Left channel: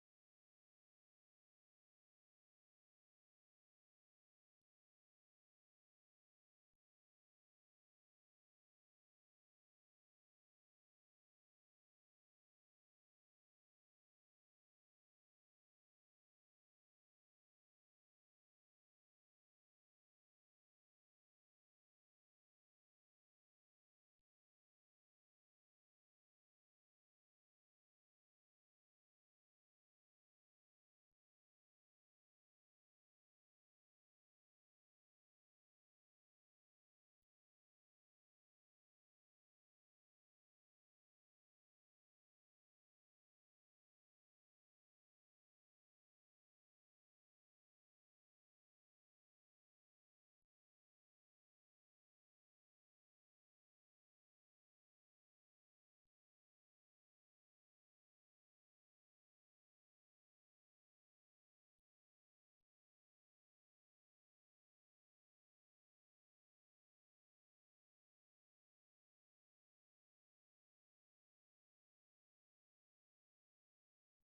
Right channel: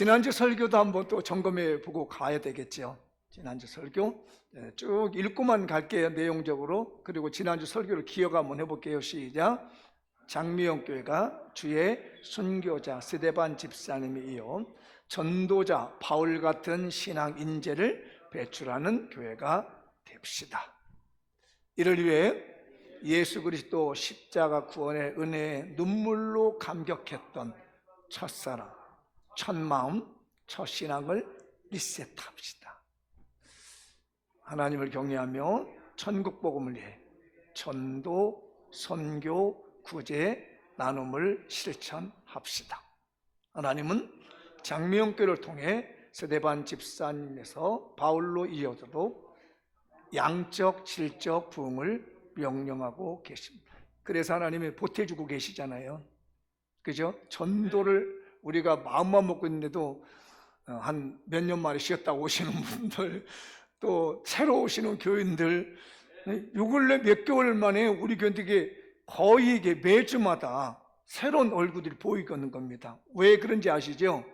지난주 설교도 한번 또 점검해 보고 가야 되겠죠. 지난주 설교 쭉 읽고만 갈게요, 내용적으로. 그리고 지난주 설교를 기억 한번 해볼게요. 시작. 장미영 교회가 주의 순교자 스데반 집사님이 이어 전도자 바울 같은 신앙 인재를 배출하는 교회가 됩시다. 이를 위해 예수 그리스도 십자가 구원의 은혜에 눈물로 감격했던 첫사랑, 첫마음, 첫신앙을 리셋합시다. 하나님을 경외하며 천국복음을 위해 전도, 선교, 구제, 나눔을 실천합시다. 하나님은 장미영교를 통해 스데반 집사님에서 바울로 이어져도 양적, 질적 부흥을 명령하고 계십니다. 그래서 하나님이 보태주고 계시잖아요. 그죠? 전도를 우리가 마음만 먹고 있는데도 한 몇 년 만에 쉬었다 오시는 분들, 또 새로 오시는 교인들, 요 근래 몇 개월 만에 우리 교인들에게 거의 이게 매주마다 새로운 얼굴들이 보이는 겁니다. 왜 그런지 아시죠?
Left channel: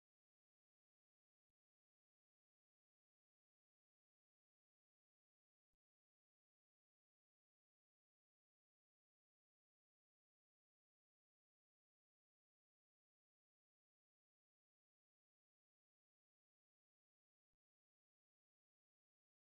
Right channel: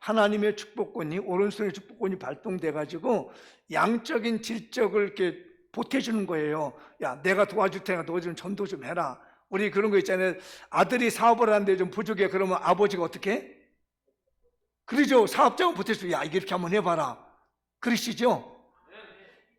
하나님의 축복권이, 오른손의 축복권이 발동돼 가지고 양적인 질적을 이렇게 보태주는 거예요. 야, 내가 도와줄 테니까 너 좀 전도 좀 해라. 우리 그런 거 있잖아요. 아들이 사업을 하는데 좀 부족해. 그러면 아버지가 어떻게 해? 그러죠. 사업장을 보태주고, 야, 이렇게 한번 해봐라. 그러시죠?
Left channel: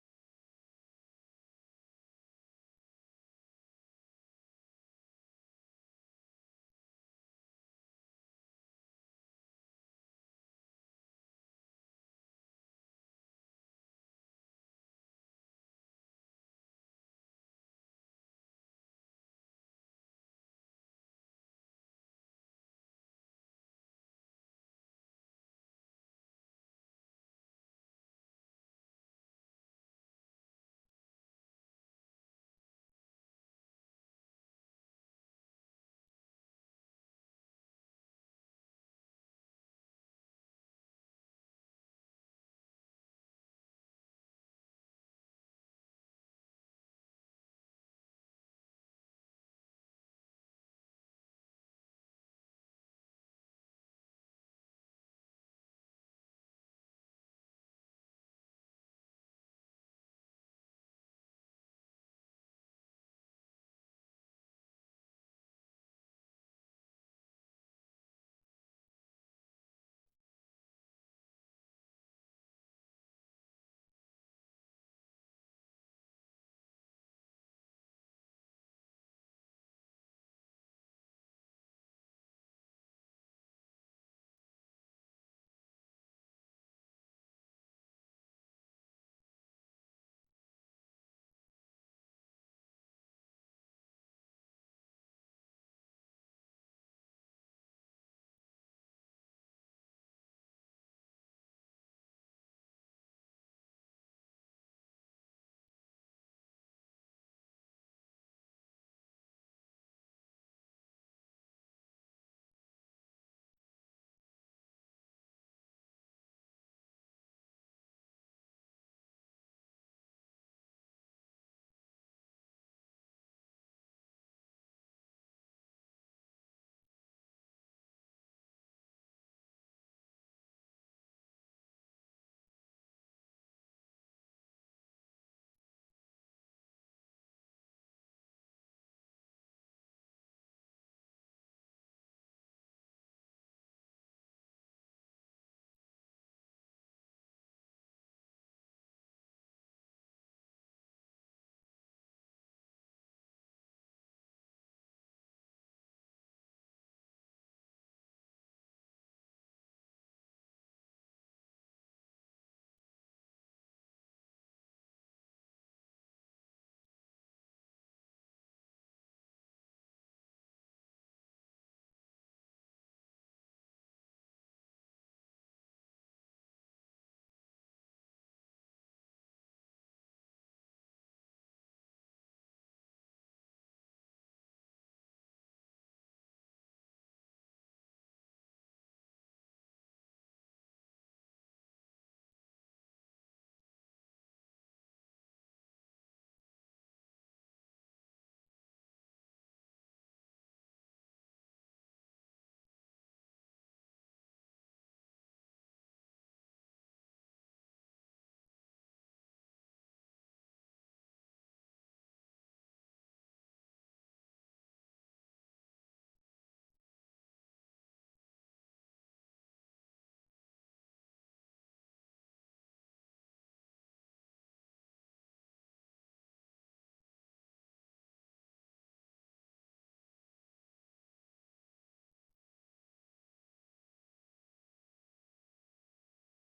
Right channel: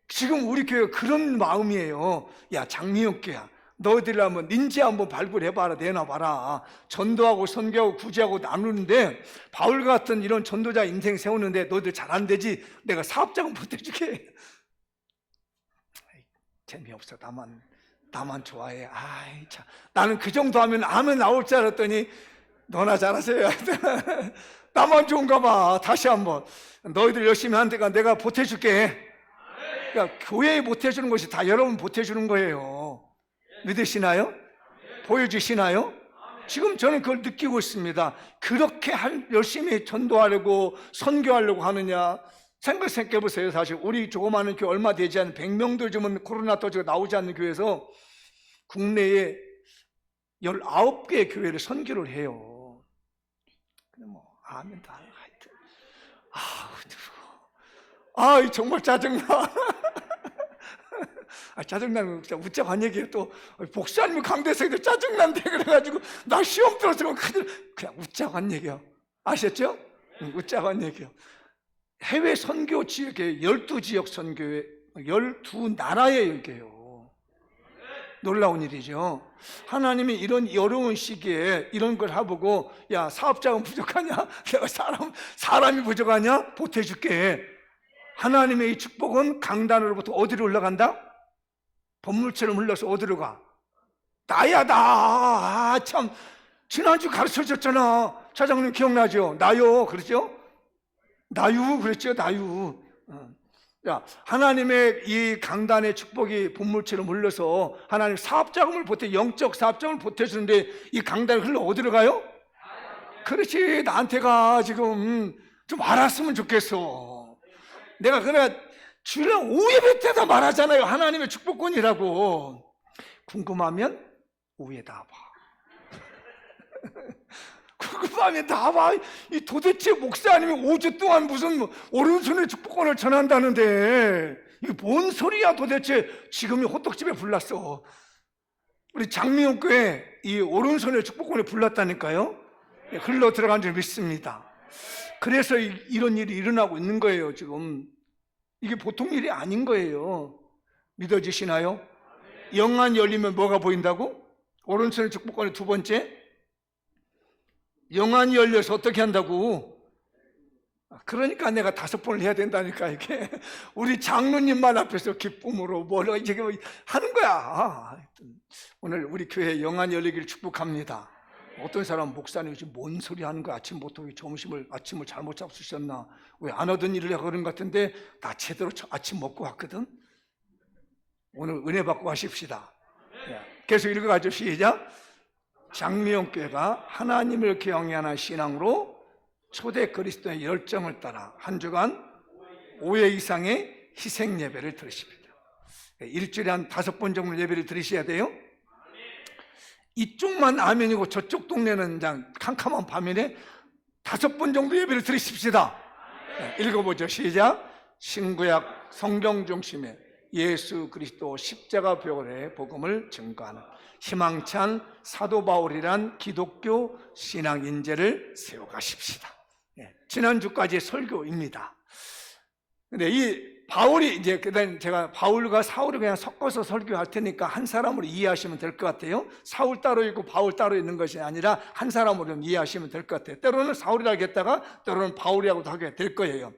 지금 우리 교회가 그런 마음이에요. 야, 장미영 교회야, 너희들 한번 인재 한번 발굴해봐라, 내놔봐라. 전도하고 선교하고 구제하고 나누는데 바울 같은 이런 전도자 인생 세우는데 너희들 잘 안 되지? 내가 사업장은 보태줄게. 재미없어. 나만 좋아해. 아이 참, 나는 그 정도 하면 아멘 나올 줄 알았더니 너나 잘하세요. 나만 좋은가 봐. 다시 한번 너희들 열심히 하니까 내가 보태줄게. 그러니까 교회에 보태주는 것이 다 여러분 보태주는 거예요. 믿으시나요? 보여주시나요? 지금 저는 그걸 느끼고 있습니다. 그렇게 열심히 전도하려고 선교하려고 하느냐? 생각해 보세요. 사실 우리 조그마한 교회, 얼마 되지 않은 100명도 좀 코로나 터지고 나오지 않는 교회에서 국내에 19개의 교회를 선교를 해요. 근데 뭐 아멘 다 하여튼 정말 짜증나. 짜증나면 진짜 웃자고 한 얘기예요. 또 목사님이 강대생들 짜증난대 그래가지고 나 시험 들었으면 그냥 웃자고 한 얘기야. 아셨죠? 웃자고 한 얘기야. 해외 선교 지역에 12지역 선교회 12나라의 얘기예요. 놀라운 일이죠. 하나님이 이런 어려운 시기에 이런 걸 해보고, 야, 사업자가 부족하냐? 내가 사람이 부족하냐? 보태줄게. 하나님의 이 축복은 강단으로부터 어디로 올라간다? 번물처럼 흘러서 어디로 가? 나야, 나. 참, 지난주 가르쳐 줬잖아. 차장님 기억나죠? 나요. 그렇죠? 나유. 그랬죠? 나유. 야, 하나님의 이 강단의 축복이 분물처럼 흘러서 하나님 사업자금을 영적 사업자금을 보태주는데 이 강단이 흘러 어디로 가요? 그렇지. 나한테가 지금 좀 알았으면 좋겠어. 내가 그래 주일날 오예배 때다 말하잖아요. 하나님의 축복권이라고. 궁금하면 오후에다 봐. 궁금하면 다 봐. 이 도대체 목사님이 5주 동안 무슨 오른손의 축복권을 전한다는데 이게 뭔 소리야 도대체. 지금이 호떡집에 불났어. 우리 장미영 교회 이 오른손의 축복권에 불났다니까요. 흘러 들어간 줄 믿습니다. 그래서 이런 일이 일어나고 있는 거예요. 지금 이게 보통 일이 아닌 거예요. 믿어지시나요? 영안이 열리면 뭐가 보인다고? 오른손의 축복권의 두 번째, 영안이 열려서 어떻게 한다고? 그러니까 내가 5번을 해야 된다니까. 이게 우리 장로님만 앞에서 기쁨으로 뭐라 이제 하는 거야. 오늘 우리 교회 영안이 열리기를 축복합니다. 어떤 사람 목사님이 지금 뭔 소리 하는 거야? 아침부터 아침을 잘못 잡수셨나? 왜 안 하던 일을 하고 그런 것 같은데 나 제대로 아침 먹고 왔거든. 오늘 은혜 받고 가십시다. 계속 읽어가죠. 시작. 장미영 교회가 하나님을 경외하는 신앙으로 초대 그리스도의 열정을 따라 한 주간 5회 이상의 희생 예배를 드리십니다. 일주일에 한 5번 정도 예배를 드리셔야 돼요. 이쪽만 아멘이고 저쪽 동네는 그냥 캄캄한 밤이네. 5번 정도 예배를 드리십시다. 네, 읽어보죠. 시작. 신구약 성경 중심의 예수 그리스도 십자가 부활의 복음을 증거하는 희망찬 사도 바울이란 기독교 신앙 인재를 세워가십시다. 네, 지난주까지 설교입니다. 근데 이 바울이 이제 제가 바울과 사울을 그냥 섞어서 설교할 테니까 한 사람으로 이해하시면 될 것 같아요. 사울 따로 있고 바울 따로 있는 것이 아니라 한 사람으로 이해하시면 될 것 같아요. 때로는 사울이라고 하겠다가 때로는 바울이라고도 하게 될 거예요.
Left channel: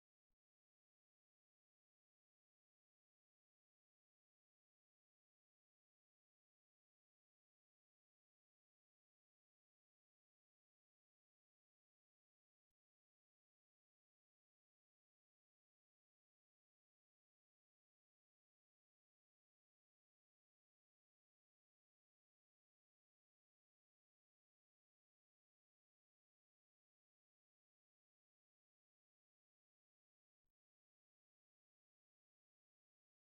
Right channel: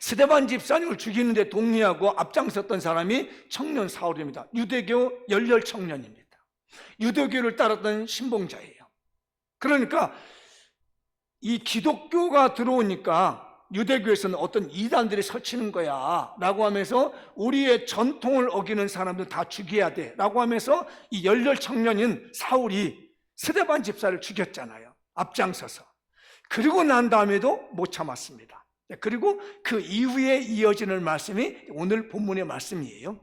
스데반 집사님을 죽이는데 동의하고 앞장섰던 사람이 청년 사울입니다. 유대교 열렬 청년입니다. 유대교를 따랐던 신봉자예요. 그러니까 이 기독교가 들어오니까 유대교에서는 어떤 이단들이 설치는 거야 라고 하면서 우리의 전통을 어기는 사람들 다 죽여야 돼 라고 하면서 이 열렬 청년인 사울이 스데반 집사를 죽였잖아요. 앞장서서. 그리고 난 다음에도 못 참았습니다. 그리고 그 이후에 이어지는 말씀이 오늘 본문의 말씀이에요.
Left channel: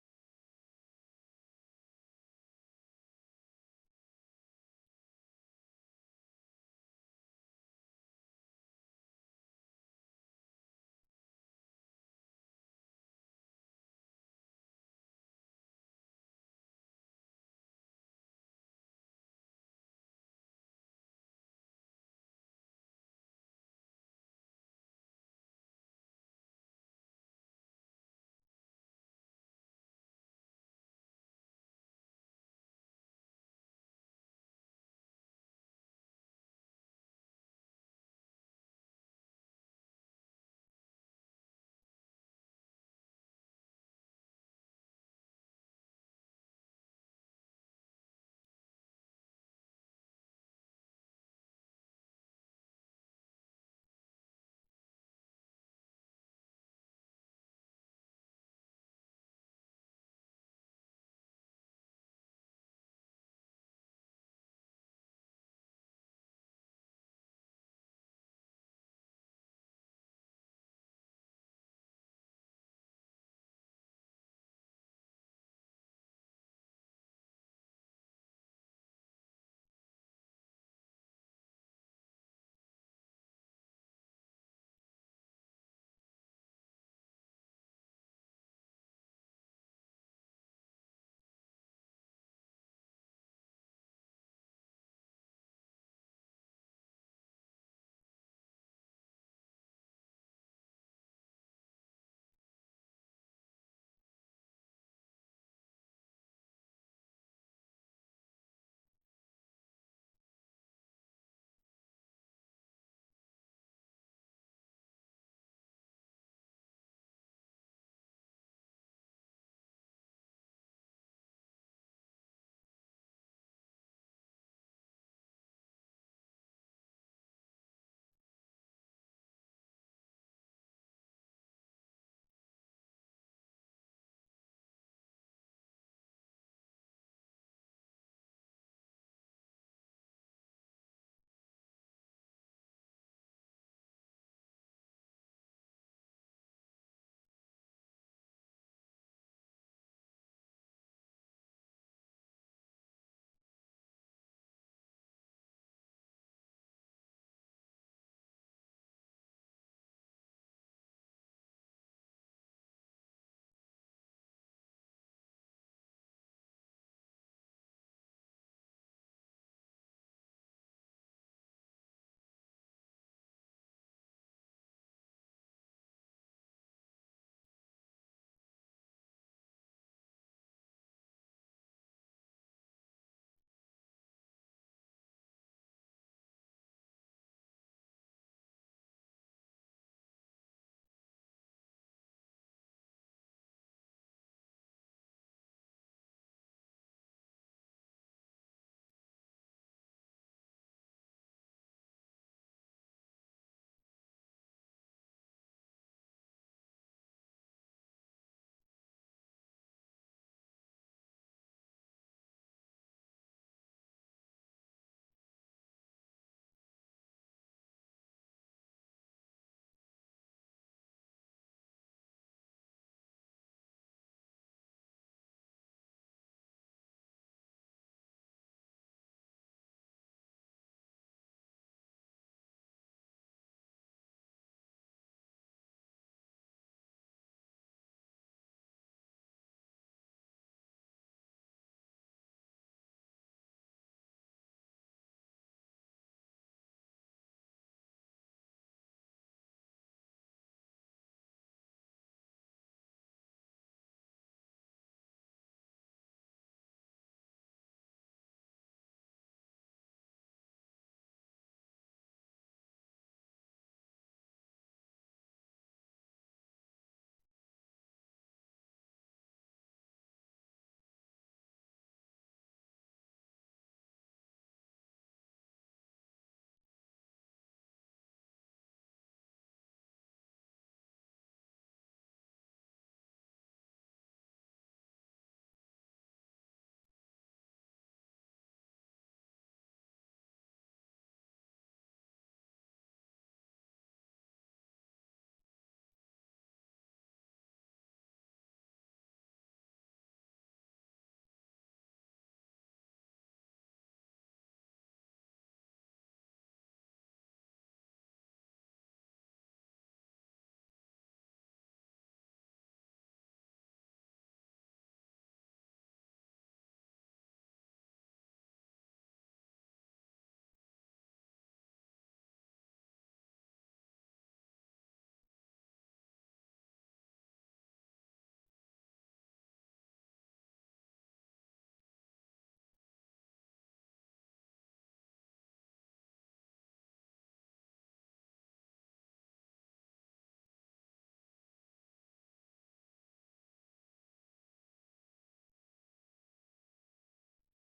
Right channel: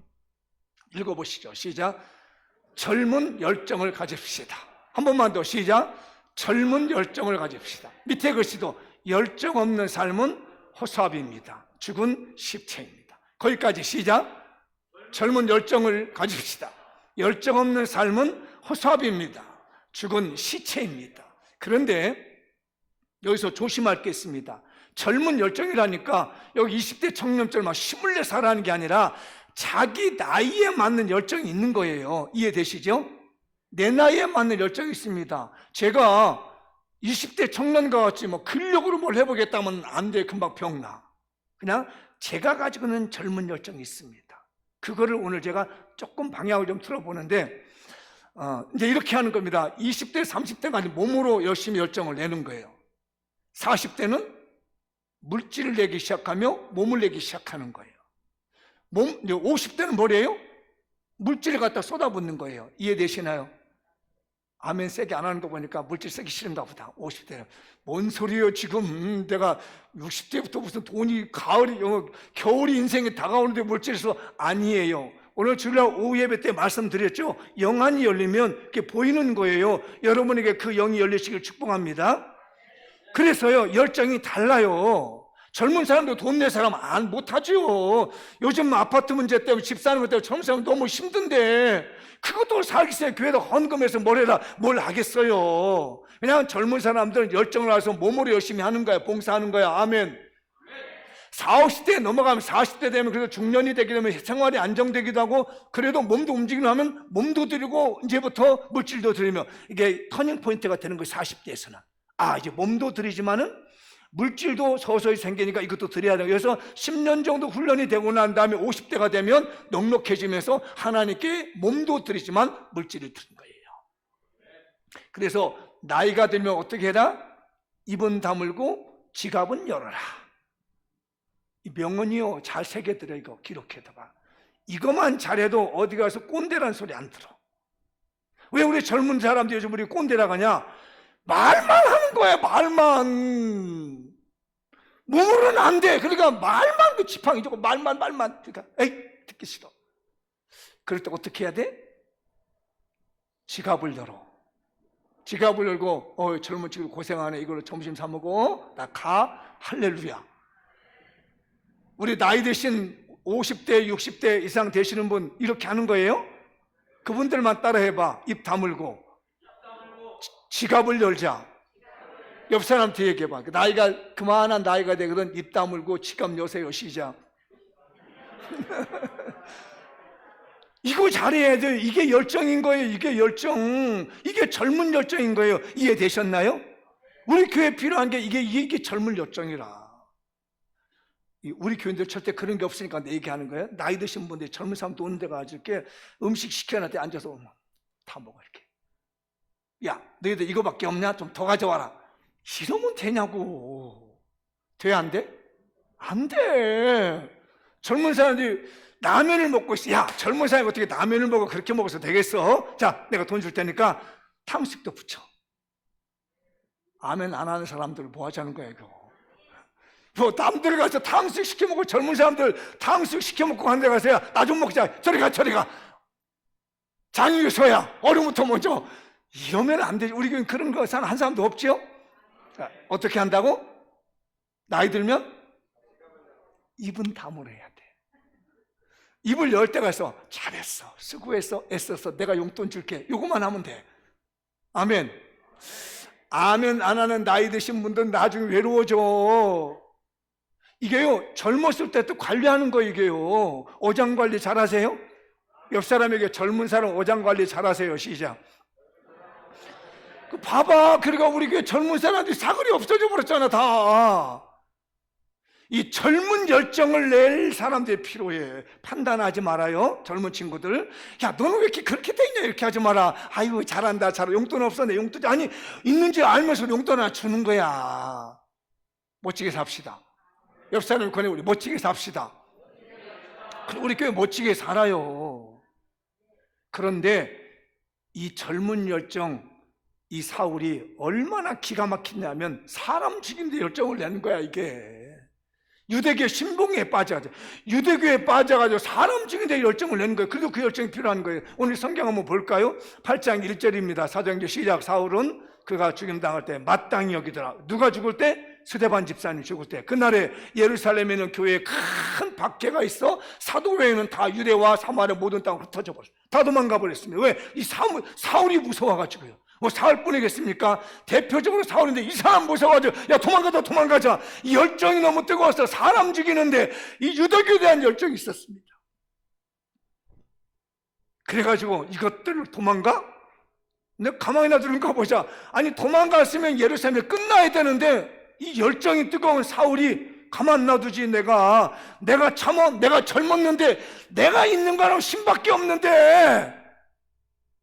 읽어보시죠. 시작. 젊은 열정을 가집시다. 한 번만 더. 시작. 젊은 열정을 가집시다. 밑에 글씨도 열정 없는 삶은 허수아비입니다. 죽은 시체입니다. 거기까지. 시작. 젊은 열정을 가집시다. 열정 없는 삶은 허수아비입니다. 죽은 시체입니다. 그런데 여기서 조심할 게 있습니다. 젊은 열정이라니까 여기 20대 청년들 막 힘을 내 살아가는 게 아니라 자기 나이에 맞는 열정이 있는 거예요. 이해되시죠? 내 나이에 맞는 열정이 있습니다. 제가 20대 청년과 같이 뭐 근력으로 뭘 해보겠다면 안 돼. 금방 병나. 그냥 제가 가지고 있는 젊은 열정이 있습니다. 그거를 오늘 제가 조금 방향을 좀 틀어보는데 이제 이렇게 하는 겁니다. 20대 30대까지 몸으로 열심히 열정을 내는 거예요. 40대는 물질을 내기 시작하며 몸을 내기 시작하는 거예요. 50대는 뭐래요? 물질을 갖다 쏟아붓는 거예요. 이해되시나요? 아멘 세게 안 하는 거 보니까 물질 쓰기 싫은가 보다. 50대는 뭔 소리예요? 지금 내가 60대부터 무슨 돈이 겨울이 인생에 다가오는데 물질에서 아니에요. 오늘 주일날 오후 예배 때 말씀드렸죠. 영안이 열리면 이렇게 보이는 거예요. 여러분에게 그 영이 열리시길 축복합니다. 그래서요, 열정이 달라요. 젊은 사람도 돈 낼 사람 못하죠. 요즘 아파트 문제 때문에 집 사는 것 때문에 젊은 사람 너무 힘든데 그것도 살기세요. 교회에다 헌금해서 뭘 하겠어요. 그냥 젊은 사람들은 열정을 해서 몸으로 열심히 하는 거야. 봉사하는 거야. 아멘. 40, 50대 넘어가면 40대 되면 그래도 중년이 되게 되면 생활이 안정되기도 하고 그래도 몸도 움직이려 하면 몸도 드리고 이제부터 물질도 드리며 이게 터닝 포인트가 되는 거예요. 40대에서는. 이제 몸도 드리지만은 물질도 서서히 생기니까 이것도 드려야 돼요. 그래서 10년 정도 훈련이 되고 난 다음에 50대가 되면 넉넉해지면서 하나님께 몸도 드리지만 물질을 드린 거예요. 그래서 나이가 들면 어떻게 해라? 입은 다물고 지갑은 열어라. 이 명언이요, 잘 새겨들어. 이거 기록해둬봐. 이것만 잘해도 어디 가서 꼰대란 소리 안 들어. 왜 우리 젊은 사람들 요즘 우리 꼰대라고 하냐? 말만 하는 거야. 말만. 몸으로는 안 돼. 그러니까 말만, 그 지팡이 주고 말만. 그러니까 에이, 듣기 싫어. 그럴 때 어떻게 해야 돼? 지갑을 열어. 지갑을 열고 젊은 친구 고생하네. 이걸로 점심 사 먹어. 나 가. 할렐루야. 우리 나이 드신 50대 60대 이상 되시는 분 이렇게 하는 거예요? 그분들만 따라해봐. 입 다물고 지갑을 열자. 옆 사람한테 얘기해봐. 나이가 그만한 나이가 되거든. 입 다물고 지갑 여세요. 시작. 이거 잘해야 돼요. 이게 열정인 거예요. 이게 열정. 이게 젊은 열정인 거예요. 이해되셨나요? 우리 교회에 필요한 게 이게 젊은 열정이라. 우리 교인들 절대 그런 게 없으니까 내 얘기하는 거예요. 나이 드신 분들 젊은 사람도 오는 데가 이렇게 음식 시켜놨대. 앉아서 다 먹어 이렇게. 야, 너희들 이거밖에 없냐? 좀 더 가져와라. 이러면 되냐고. 돼, 안 돼? 안 돼. 젊은 사람들이 라면을 먹고 있어. 야, 젊은 사람이 어떻게 라면을 먹어? 그렇게 먹어서 되겠어? 자, 내가 돈 줄 테니까 탕수육도 붙여. 아멘 안 하는 사람들 뭐 하자는 거야 이거. 뭐 남들 가서 탕수육 시켜 먹고 젊은 사람들 탕수육 시켜 먹고 한 데 가서 야, 나 좀 먹자. 저리 가. 장유서야 얼음부터 먼저. 이러면 안 되지. 우리 교회는 그런 거 한 사람도 없죠? 어떻게 한다고? 나이 들면 입은 다물어야 돼. 입을 열 때가 있어. 잘했어, 수고했어, 애써서 내가 용돈 줄게. 요것만 하면 돼. 아멘. 아멘 안 하는 나이 드신 분들은 나중에 외로워져. 이게요, 젊었을 때 또 관리하는 거. 이게요, 어장 관리 잘하세요? 옆 사람에게 젊은 사람 어장 관리 잘하세요. 시작. 봐봐, 그러니까 우리 교회 젊은 사람들이 사거리 없어져 버렸잖아 다. 이 젊은 열정을 낼 사람들이 필요해. 판단하지 말아요, 젊은 친구들. 야, 너는 왜 이렇게 그렇게 돼 있냐, 이렇게 하지 마라. 아이고 잘한다, 잘한다. 용돈 없어, 내 용돈. 아니, 있는지 알면서 용돈 하나 주는 거야. 멋지게 삽시다. 옆 사람을 권해, 우리 멋지게 삽시다. 우리 교회 멋지게 살아요. 그런데 이 젊은 열정, 이 사울이 얼마나 기가 막히냐면 사람 죽이는 데 열정을 내는 거야. 이게 유대교 신봉에 빠져가지고, 유대교에 빠져가지고 사람 죽이는 데 열정을 내는 거예요. 그래도 그 열정이 필요한 거예요. 오늘 성경 한번 볼까요? 8장 1절입니다 사도행전 시작. 사울은 그가 죽임당할 때 마땅히 여기더라. 누가 죽을 때? 스데반 집사님 죽을 때. 그날에 예루살렘에 있는 교회에 큰 박해가 있어. 사도회에는 다 유대와 사마리아 모든 땅으로 흩어져 버렸어요. 다 도망가 버렸습니다. 왜? 이 사울이 무서워가지고요. 뭐 사울뿐이겠습니까? 대표적으로 사울인데 이 사람 무서워가지고 야, 도망가자, 도망가자. 이 열정이 너무 뜨거워서 사람 죽이는데 이 유대교에 대한 열정이 있었습니다. 그래가지고 이것들을 도망가? 내가 가만히 놔두는가 보자. 아니, 도망갔으면 예루살렘이 끝나야 되는데 이 열정이 뜨거운 사울이 가만 놔두지. 내가 젊었는데, 내가 있는 거랑 신밖에 없는데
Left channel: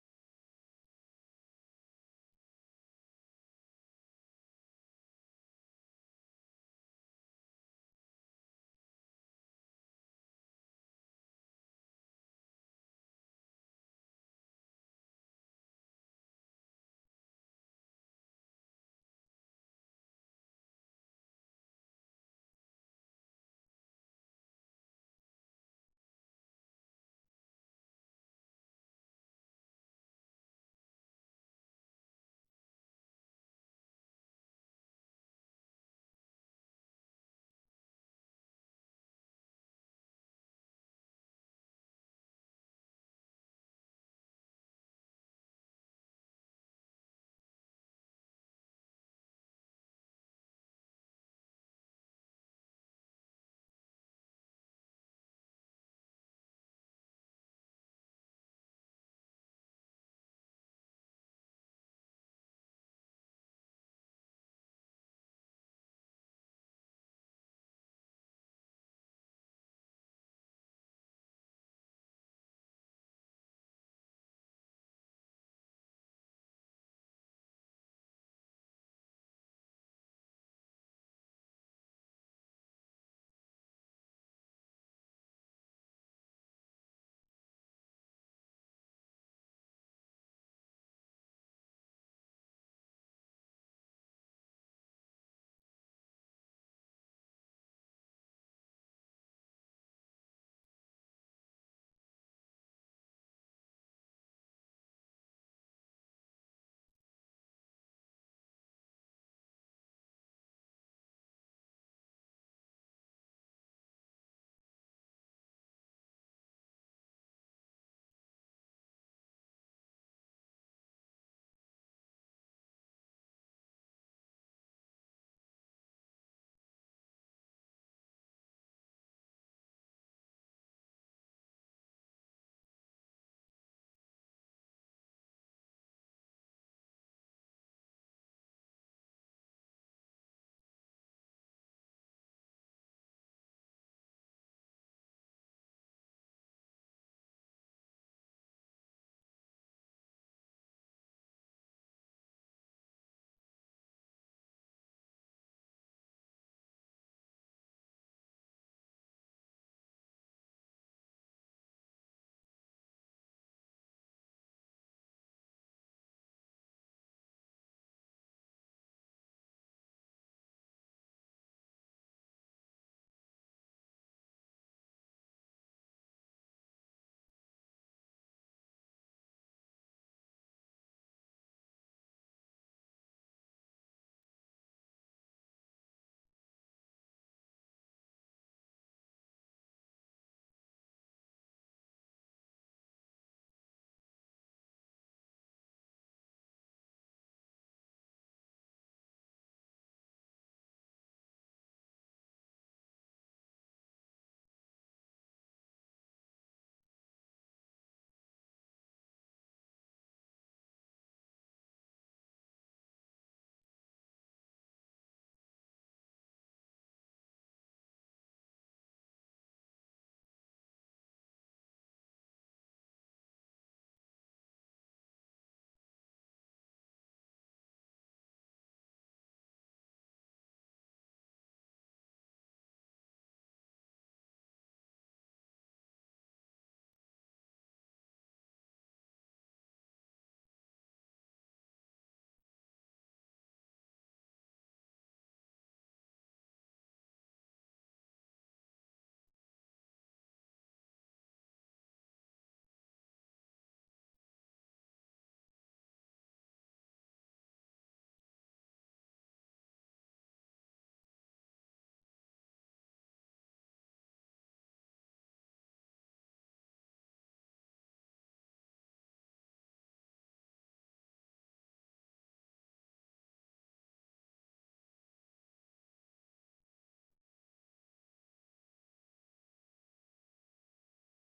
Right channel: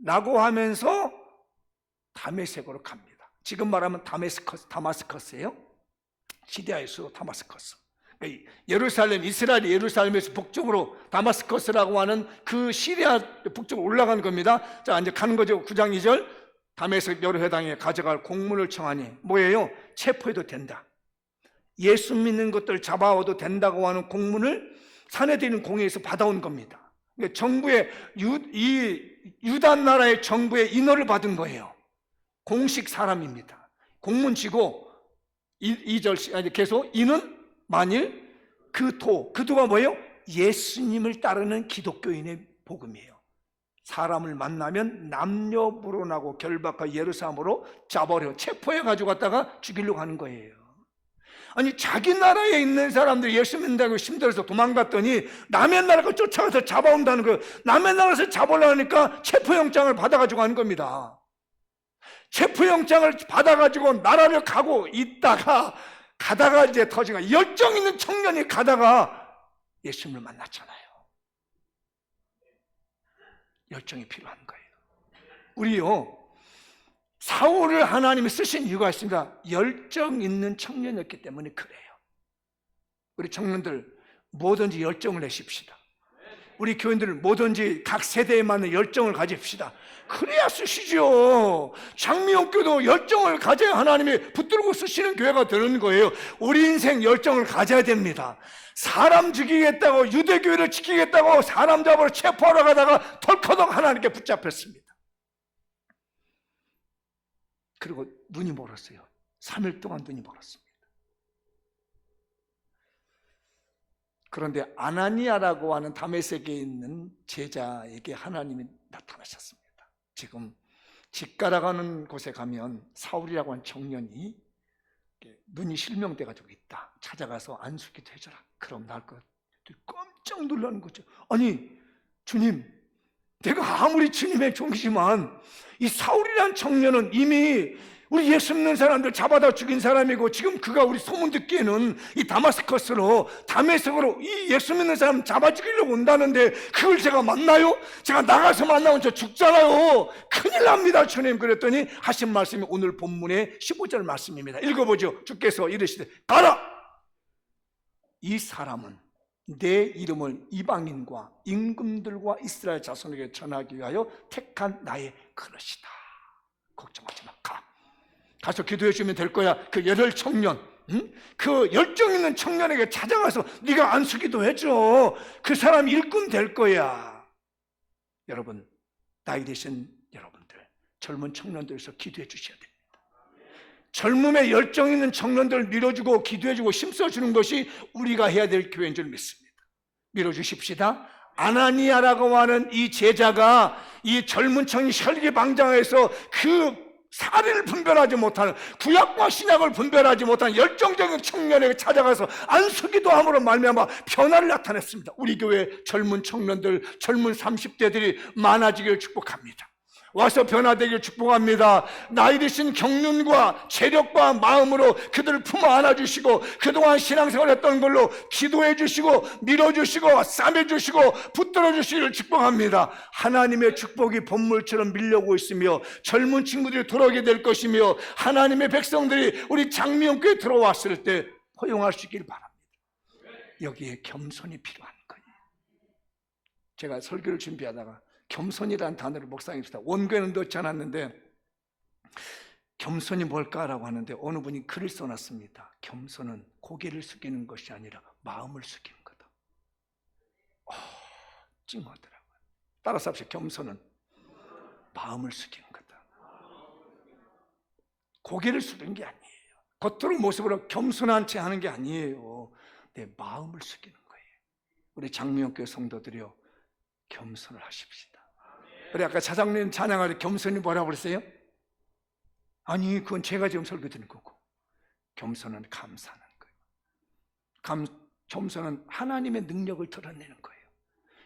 라고 하면서 다메섹으로 갑니다. 지금 말하면 다마스커스예요. 시리아의 수도 다마스커스. 예루살렘, 이스라엘이 예루살렘에서 북쪽으로 다마스커스라고 하는 그 시리아 북쪽으로 올라간 겁니다. 자, 이제 가는 거죠. 9장 2절. 다메섹 여러 회당에 가져갈 공문을 청하니 뭐예요? 체포해도 된다. 예수 믿는 것들 잡아와도 된다고 하는 공문을 사내들인 공회에서 받아온 겁니다. 정부의 유다 나라의 정부의 인허를 받은 거예요. 공식 사람입니다. 공문 지고 2절 계속 이는 만일 그 도가 뭐예요? 예수님을 따르는 기독교인의 복음이에요. 사람을 만나면 남녀 불혼하고 결박하고 예루살렘으로 잡아려 체포해 가지고 갔다가 죽이려고 하는 거예요. 아니, 자기 나라에 있는 사람들이 예수 믿는다고 힘들어서 도망갔더니 남의 나라가 쫓아가서 잡아온다는 거예요. 남의 나라에서 잡으려니까 체포영장을 받아가지고 하는 겁니다. 체포영장을 받아가지고 나라를 가고 가다가 이제 터지가 열정 있는 청년이 가다가 예수님을 만났잖아요. 열정이 필요한 거예요. 우리요, 사울을 하나님이 쓰신 이유가 있습니다. 열정 있는 청년이었기 때문에 그래요. 우리 청년들 뭐든지 열정을 내십시다. 우리 교인들 뭐든지 각 세대에 맞는 열정을 가집시다. 그래야 쓰시죠. 장미용교도 열정을 가져야 하나님이 붙들고 쓰시는 교회가 되는 거예요. 우리 인생 열정을 가져야 됩니다. 사람 죽이겠다고, 유대교회를 지키겠다고 사람 잡으러 체포하러 가다가 덜커덕 하나님께 붙잡혔습니다. 그리고 눈이 멀었어요. 3일 동안 눈이 멀었습니다. 그런데 아나니아라고 하는 다메섹에 있는 제자에게 하나님이 나타나셨습니다. 지금 직가라가는 곳에 가면 사울이라고 하는 청년이 눈이 실명돼가지고 있다. 찾아가서 안수기도 해줘라. 그럼 나을 것. 깜짝 놀라는 거죠. 아니, 주님, 내가 아무리 주님의 종이지만 이 사울이라는 청년은 이미 우리 예수 믿는 사람들 잡아다 죽인 사람이고, 지금 그가 우리 소문 듣기에는 이 다메섹으로 이 예수 믿는 사람 잡아 죽이려고 온다는데 그걸 제가 만나요? 제가 나가서 만나면 저 죽잖아요. 큰일 납니다, 주님. 그랬더니 하신 말씀이 오늘 본문의 15절 말씀입니다. 읽어보죠. 주께서 이르시되 가라! 이 사람은 내 이름을 이방인과 임금들과 이스라엘 자손에게 전하기 위하여 택한 나의 그릇이다. 걱정하지 마. 가서 기도해 주면 될 거야. 그 열혈 청년, 그 열정 있는 청년에게 찾아가서 네가 안수기도 해줘. 그 사람 일꾼 될 거야. 여러분, 나이 드신 여러분들, 젊은 청년들에서 기도해 주셔야 됩니다. 젊음에 열정 있는 청년들을 밀어주고 기도해주고 힘써주는 것이 우리가 해야 될 교회인 줄 믿습니다. 밀어주십시다. 아나니아라고 하는 이 제자가 이 젊은 청이 혈기방장해서 그 사리를 분별하지 못하는, 구약과 신약을 분별하지 못하는 열정적인 청년에게 찾아가서 안수기도 함으로 말미암아 변화를 나타냈습니다. 우리 교회 젊은 청년들, 젊은 30대들이 많아지기를 축복합니다. 와서 변화되기를 축복합니다. 나이 드신 경륜과 체력과 마음으로 그들을 품어 안아주시고 그동안 신앙생활 했던 걸로 기도해 주시고 밀어주시고 싸매주시고 붙들어 주시기를 축복합니다. 하나님의 축복이 본물처럼 밀려오고 있으며 젊은 친구들이 돌아오게 될 것이며 하나님의 백성들이 우리 장미연교에 들어왔을 때 허용할 수 있기를 바랍니다. 여기에 겸손이 필요한 거예요. 제가 설교를 준비하다가 겸손이라는 단어를 묵상했습니다. 원고에는 넣지 않았는데 겸손이 뭘까라고 하는데 어느 분이 글을 써놨습니다. 겸손은 고개를 숙이는 것이 아니라 마음을 숙이는 거다. 찡하더라고요. 따라서 합시다. 겸손은 마음을 숙이는 거다. 고개를 숙이는 게 아니에요. 겉으로 모습으로 겸손한 채 하는 게 아니에요. 내 마음을 숙이는 거예요. 우리 장미연교회 성도들이요, 겸손을 하십시다. 우리 아까 차장님 찬양할 때 겸손이 뭐라고 그랬어요? 아니, 그건 제가 지금 설교 드린 거고, 겸손은 감사하는 거예요. 겸손은 하나님의 능력을 드러내는 거예요.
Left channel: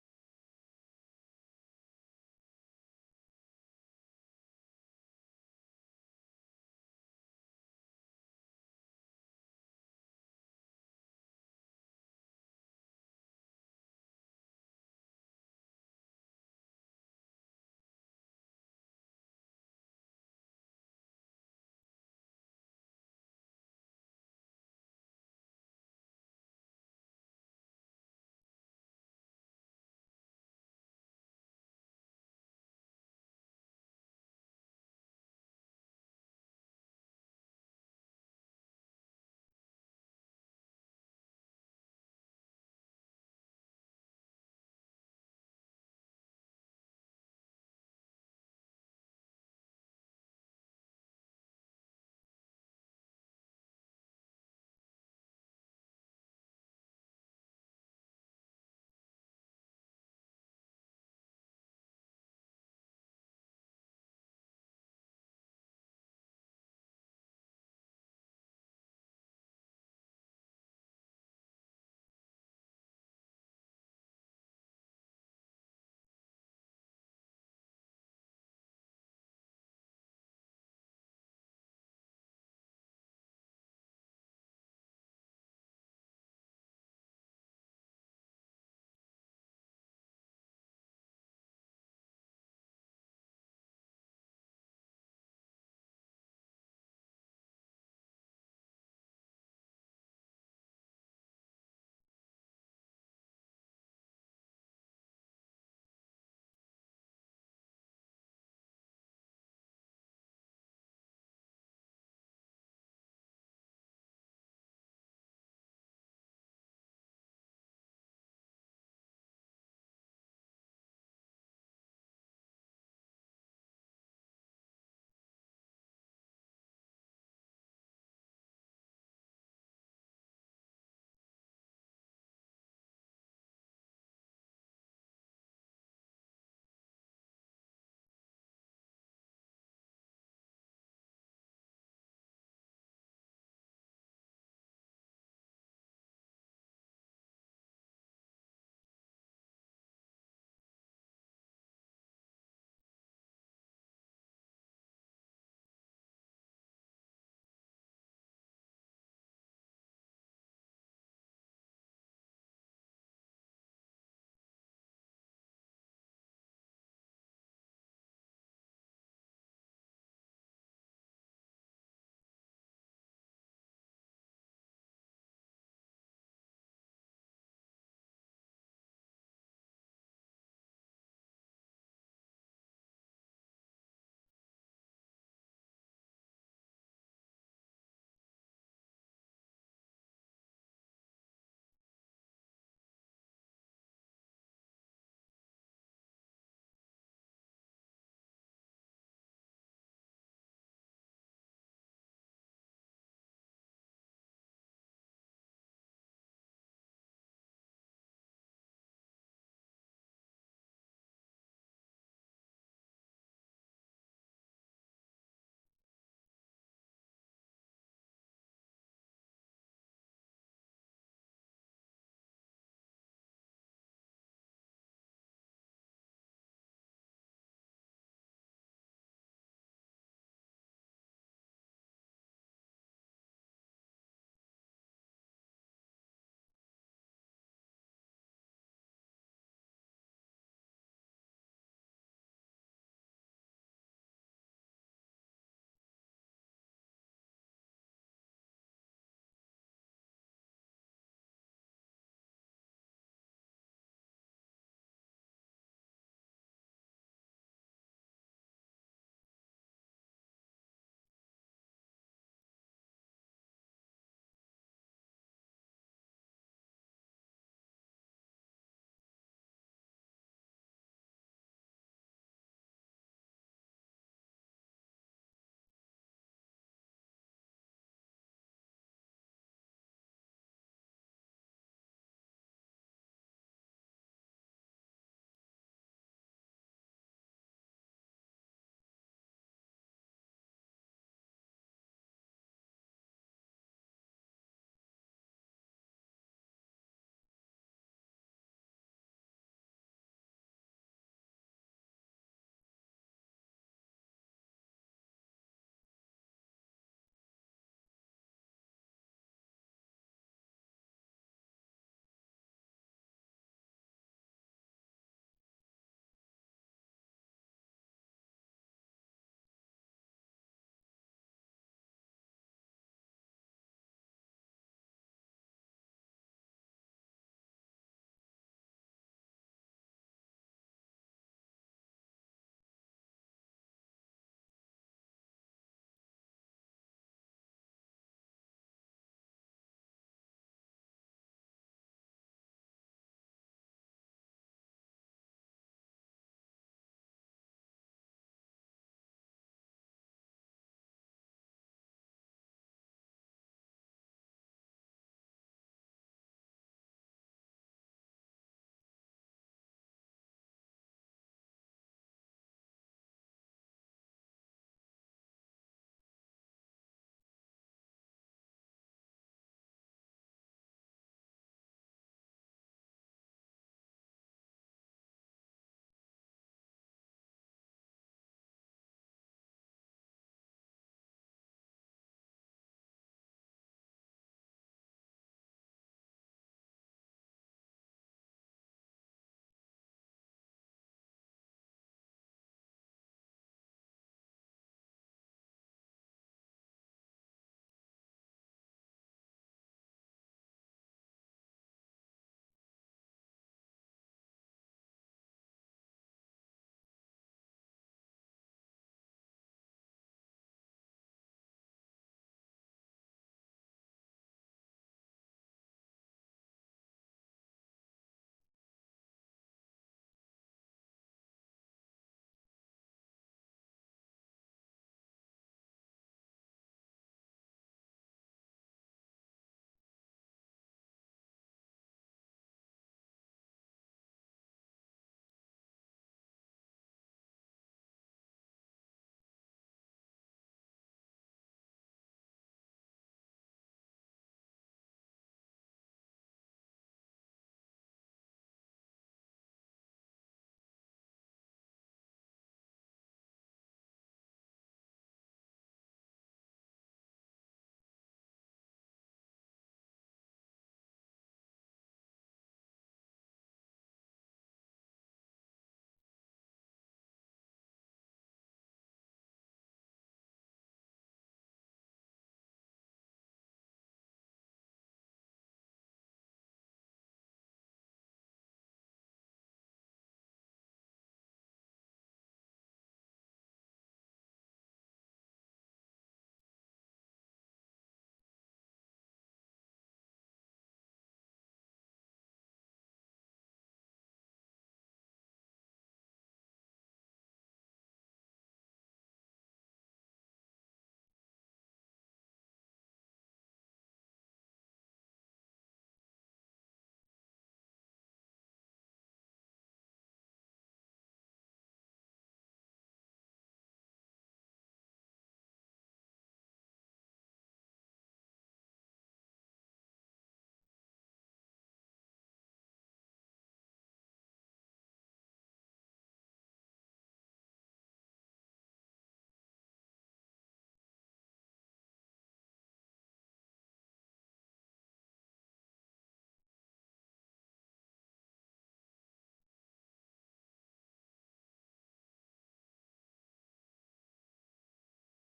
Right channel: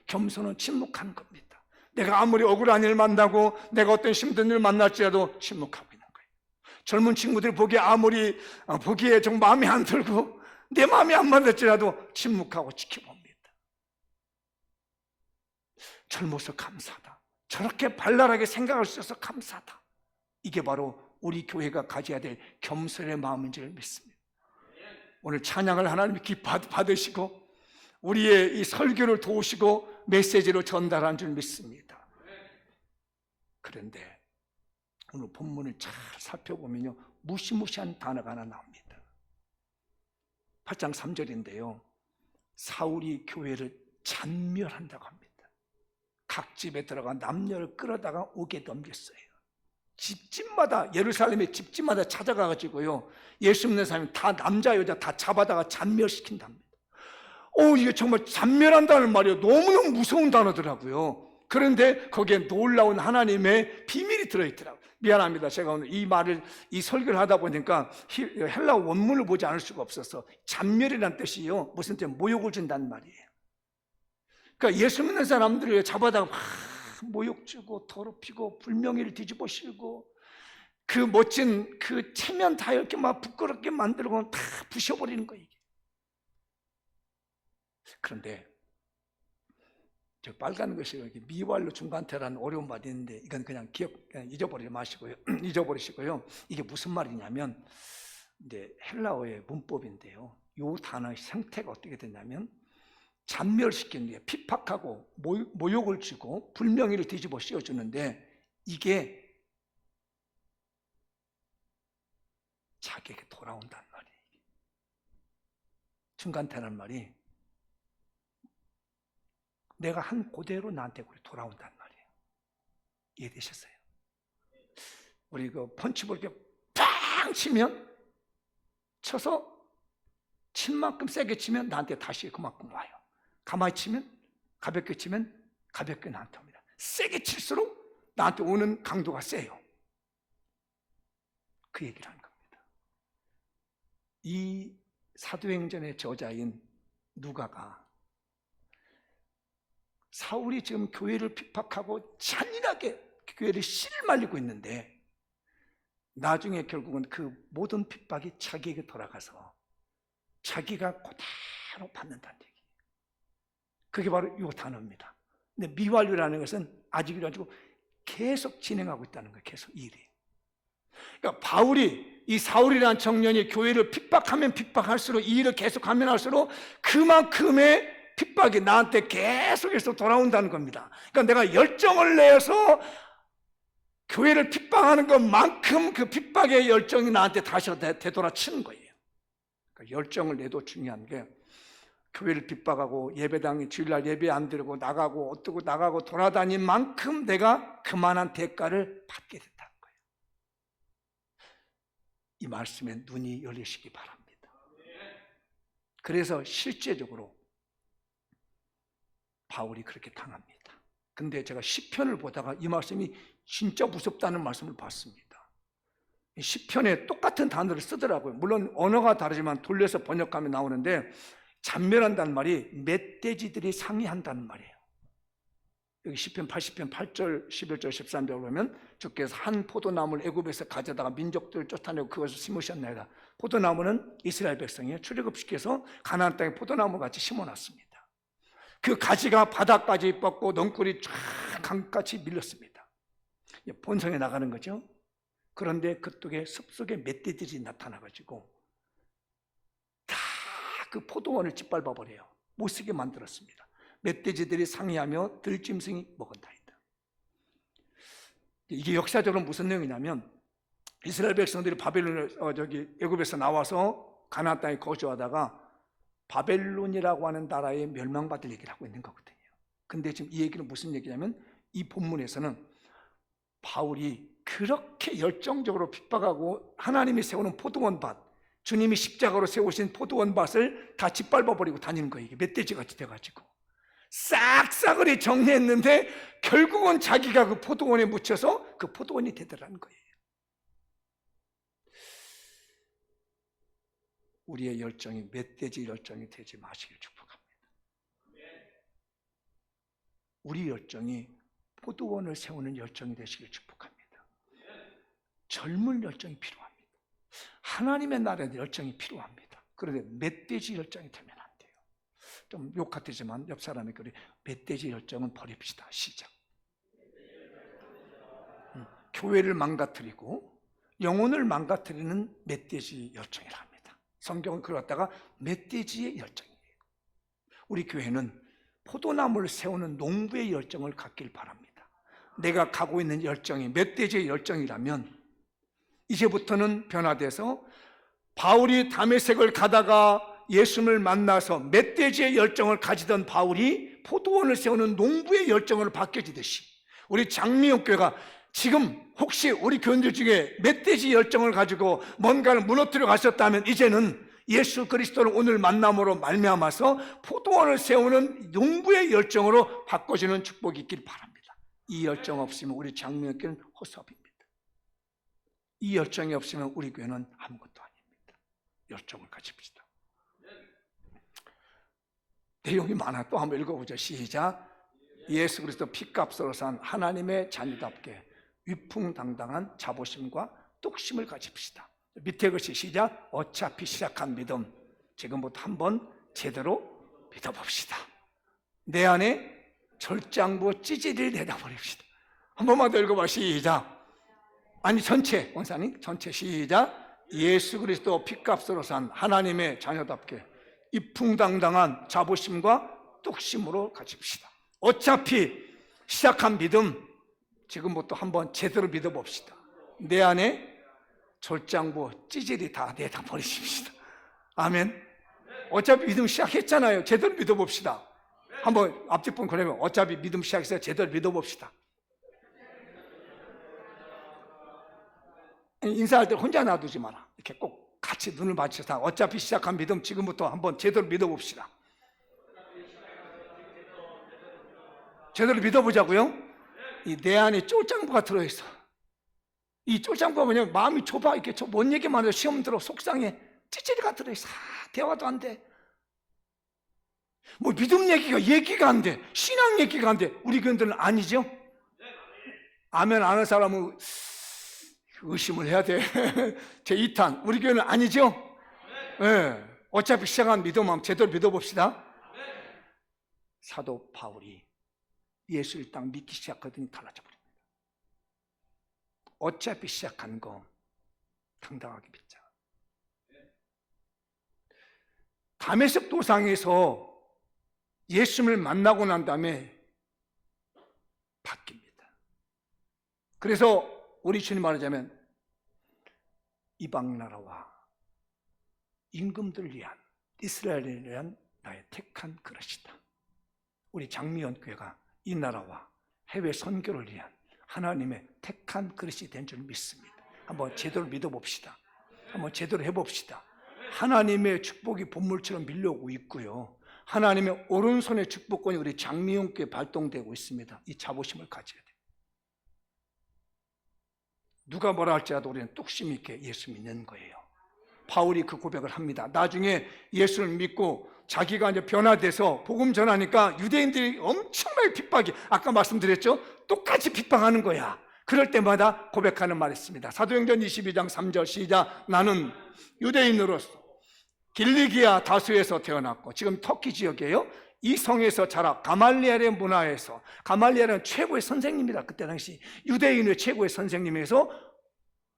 겸손은 침묵하는 겁니다. 내가 아무리 억울한 일 만나고 내가 어떤 힘든 일 만날지라도 침묵하고 있는 거예요. 젊은 친구들 보기에 좀 마음에 안 들고 내 마음에 안 맞을지라도 침묵하고 지켜봅니다. 젊어서 감사하다. 저렇게 발랄하게 생각할 수 있어서 감사하다. 이게 바로 우리 교회가 가져야 될 겸손의 마음인 줄 믿습니다. 오늘 찬양을 하나님이 받으시고 우리의 이 설교를 도우시고 메시지로 전달한 줄 믿습니다. 그런데 오늘 본문을 잘 살펴보면요, 무시무시한 단어가 하나 나옵니다. 8장 3절인데요 사울이 교회를 잔멸한다고 합니다. 각 집에 들어가 남녀를 끌어다가 옥에 넘겼어요. 집집마다, 예루살렘의 집집마다 찾아가가지고요, 예수 믿는 사람이 다 남자 여자 다 잡아다가 잔멸시킨답니다. 이게 정말 잔멸한다는 말이에요. 너무너무 무서운 단어더라고요. 그런데 거기에 놀라운 하나님의 비밀이 들어있더라고요. 미안합니다. 제가 오늘 이 설교를 하다 보니까 헬라 원문을 보지 않을 수가 없어서, 잔멸이라는 뜻이요, 무슨 뜻, 모욕을 준다는 말이에요. 그러니까 예수 믿는 사람들을 잡아다가 막 모욕 주고 더럽히고 불명예를 뒤집어 씌우고 그 멋진 그 체면 다 이렇게 막 부끄럽게 만들고 다 부셔버리는 거예요. 그런데 저 빨간 것이 미왈로 중간태라는 어려운 말이 있는데 이건 그냥 잊어버리시고요. 이게 무슨 말이냐면 이제 헬라어의 문법인데요. 이 단어의 형태가 어떻게 되냐면 잔멸시키는 게 핍박하고 모욕을 주고 불명예를 뒤집어 씌워주는데, 이게 자기에게 돌아온다는 말이에요. 중간태라는 말이 내가 한 그대로 나한테 돌아온다는 말이에요. 이해되셨어요? 우리 그 펀치볼 이렇게 팡 쳐서 친 만큼 세게 치면 나한테 다시 그만큼 와요. 가만히 치면, 가볍게 치면 가볍게 나한테 옵니다. 세게 칠수록 나한테 오는 강도가 세요. 그 얘기를 하는 겁니다. 이 사도행전의 저자인 누가가 사울이 지금 교회를 핍박하고 잔인하게 교회를 실말리고 있는데 나중에 결국은 그 모든 핍박이 자기에게 돌아가서 자기가 그대로 받는다는 얘기예요. 그게 바로 이 단어입니다. 근데 미완료라는 것은 아직이라 가지고 계속 진행하고 있다는 거예요. 계속 일이. 그러니까 이 사울이라는 청년이 교회를 핍박하면 핍박할수록, 이 일을 계속하면 할수록 그만큼의 핍박이 나한테 계속해서 돌아온다는 겁니다. 그러니까 내가 열정을 내서 교회를 핍박하는 것만큼 그 핍박의 열정이 나한테 다시 되돌아치는 거예요. 그러니까 열정을 내도 중요한 게, 교회를 핍박하고 예배당에 주일날 예배 안 드리고 나가고 어떻고 나가고 돌아다닌 만큼 내가 그만한 대가를 받게 된다는 거예요. 이 말씀에 눈이 열리시기 바랍니다. 그래서 실제적으로 바울이 그렇게 당합니다. 근데 제가 시편을 보다가 이 말씀이 진짜 무섭다는 말씀을 봤습니다. 시편에 똑같은 단어를 쓰더라고요. 물론 언어가 다르지만 돌려서 번역하면 나오는데, 잔멸한다는 말이 멧돼지들이 상의한다는 말이에요. 여기 시편 80편 8절, 11절, 13절 보면 주께서 한 포도나무를 애굽에서 가져다가 민족들을 쫓아내고 그것을 심으셨나이다. 포도나무는 이스라엘 백성이 출애굽시켜서 가나안 땅에 포도나무 같이 심어놨습니다. 그 가지가 바닥까지 뻗고 넝쿨이 쫙 강같이 밀렸습니다. 본성에 나가는 거죠. 그런데 그쪽에 숲속에 멧돼지들이 나타나가지고 다 그 포도원을 짓밟아 버려요. 못쓰게 만들었습니다. 멧돼지들이 상의하며 들짐승이 먹은다이다. 이게 역사적으로 무슨 내용이냐면, 이스라엘 백성들이 애굽에서 나와서 가나안 땅에 거주하다가 바벨론이라고 하는 나라에 멸망받을 얘기를 하고 있는 거거든요. 근데 지금 이 얘기는 무슨 얘기냐면, 이 본문에서는 바울이 그렇게 열정적으로 핍박하고 하나님이 세우는 포도원밭, 주님이 십자가로 세우신 포도원밭을 다 짓밟아버리고 다니는 거예요. 이게 멧돼지같이 돼가지고 싹싹을 정리했는데 결국은 자기가 그 포도원에 묻혀서 그 포도원이 되더라는 거예요. 우리의 열정이 멧돼지 열정이 되지 마시길 축복합니다. 우리 열정이 포도원을 세우는 열정이 되시길 축복합니다. 젊은 열정이 필요합니다. 하나님의 나라의 열정이 필요합니다. 그런데 멧돼지 열정이 되면 안 돼요. 좀 욕 같으지만 옆 사람이 그래, 멧돼지 열정은 버립시다. 시작. 교회를 망가뜨리고 영혼을 망가뜨리는 멧돼지 열정이라 합니다. 성경은 그걸 갖다가 멧돼지의 열정이에요. 우리 교회는 포도나무를 세우는 농부의 열정을 갖길 바랍니다. 내가 가고 있는 열정이 멧돼지의 열정이라면 이제부터는 변화돼서 바울이 다메섹을 가다가 예수님을 만나서 멧돼지의 열정을 가지던 바울이 포도원을 세우는 농부의 열정으로 바뀌어지듯이, 우리 장미옥교회가 지금 혹시 우리 교인들 중에 멧돼지 열정을 가지고 뭔가를 무너뜨려 가셨다면 이제는 예수 그리스도를 오늘 만남으로 말미암아서 포도원을 세우는 농부의 열정으로 바꿔지는 축복이 있길 바랍니다. 이 열정 없으면 우리 장미옥교회는 허수아비입니다. 이 열정이 없으면 우리 교회는 아무것도 아닙니다. 열정을 가집시다. 내용이 많아. 또 한번 읽어보죠. 시작. 예수 그리스도 피값으로 산 하나님의 자녀답게 위풍당당한 자부심과 뚝심을 가집시다. 밑에 것이 시작. 어차피 시작한 믿음 지금부터 한번 제대로 믿어봅시다. 내 안에 절장부 찌질을 내다버립시다. 한 번만 더 읽어봐. 시작. 아니 전체, 원사님 전체 시작. 예수 그리스도 피값으로 산 하나님의 자녀답게 이풍당당한 자부심과 뚝심으로 가집시다. 어차피 시작한 믿음 지금부터 한번 제대로 믿어봅시다. 내 안에 절장부 찌질이 다 내다 버리십시다. 아멘. 어차피 믿음 시작했잖아요. 제대로 믿어봅시다. 한번 앞뒤 분 그러면 어차피 믿음 시작해서 제대로 믿어봅시다. 인사할 때 혼자 놔두지 마라. 이렇게 꼭 같이 눈을 맞춰서 어차피 시작한 믿음 지금부터 한번 제대로 믿어봅시다. 제대로 믿어보자고요. 이 내 안에 쫄장부가 들어있어. 이 쫄장부가 뭐냐면 마음이 좁아. 이렇게 뭔 얘기만 해도 시험 들어 속상해. 찌질이가 들어있어. 대화도 안 돼. 뭐 믿음 얘기가 안 돼. 신앙 얘기가 안 돼. 우리 교인들은 아니죠. 아멘 안 하는 사람은 의심을 해야 돼. 제 2탄. 우리 교회는 아니죠? 네. 어차피 시작한 믿음만 제대로 믿어봅시다. 사도 바울이 예수를 딱 믿기 시작하더니 달라져 버립니다. 어차피 시작한 거 당당하게 믿자. 다메섹 도상에서 예수님을 만나고 난 다음에 바뀝니다. 그래서 우리 주님 말하자면 이방 나라와 임금들을 위한 이스라엘을 위한 나의 택한 그릇이다. 우리 장미원 교회가 이 나라와 해외 선교를 위한 하나님의 택한 그릇이 된 줄 믿습니다. 한번 제대로 믿어봅시다. 한번 제대로 해봅시다. 하나님의 축복이 본물처럼 밀려오고 있고요, 하나님의 오른손의 축복권이 우리 장미용교에 발동되고 있습니다. 이 자부심을 가져야 돼요. 누가 뭐라 할지라도 우리는 뚝심 있게 예수 믿는 거예요. 바울이 그 고백을 합니다. 나중에 예수를 믿고 자기가 이제 변화돼서 복음 전하니까 유대인들이 엄청나게 핍박이, 아까 말씀드렸죠? 똑같이 핍박하는 거야. 그럴 때마다 고백하는 말이 있습니다. 사도행전 22장 3절 시작. 나는 유대인으로서 길리기아 다수에서 태어났고, 지금 터키 지역이에요. 이 성에서 자라 가말리엘의 문화에서, 가말리엘은 최고의 선생님이다. 그때 당시 유대인의 최고의 선생님에서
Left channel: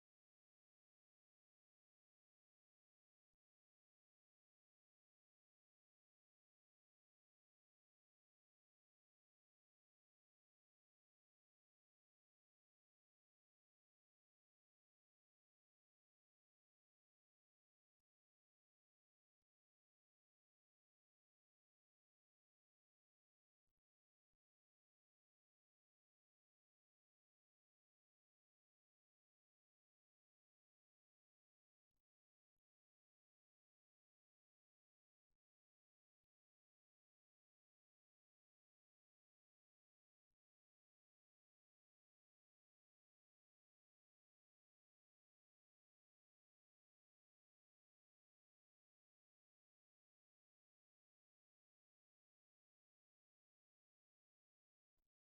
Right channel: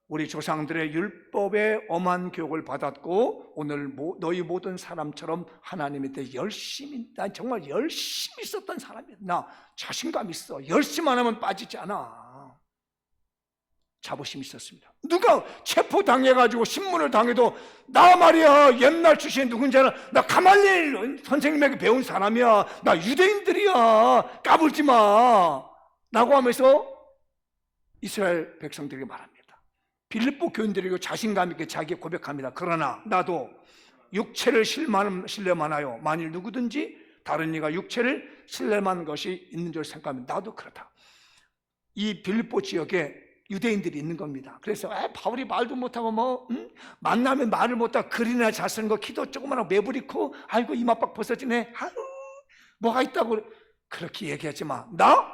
우리 조상들의 율법의 엄한 교육을 받았고, 오늘 너희 모든 사람처럼 하나님에 대해 열심히, 난 정말 열심히 있었던 사람이야. 나 자신감 있어. 열심히 안 하면 빠지지 않아. 자부심이 있었습니다. 누가 체포당해가지고 신문을 당해도 나 말이야 옛날 출신 누군지 알아? 나 가말리엘 선생님에게 배운 사람이야. 나 유대인들이야. 까불지 마 라고 하면서 이스라엘 백성들에게 말합니다. 빌립보 교인들에게 자신감 있게 자기 고백합니다. 그러나 나도 육체를 신뢰만하여 만일 누구든지 다른 이가 육체를 신뢰만 것이 있는 줄 생각하면 나도 그렇다. 이 빌립보 지역에 유대인들이 있는 겁니다. 그래서 바울이 말도 못하고 만나면 말을 못하고 글이나 잘 쓰는 거, 키도 조그마하고 매부리고, 아이고 이마박 벗어지네, 아유 뭐가 있다고 그렇게 얘기하지 마. 나?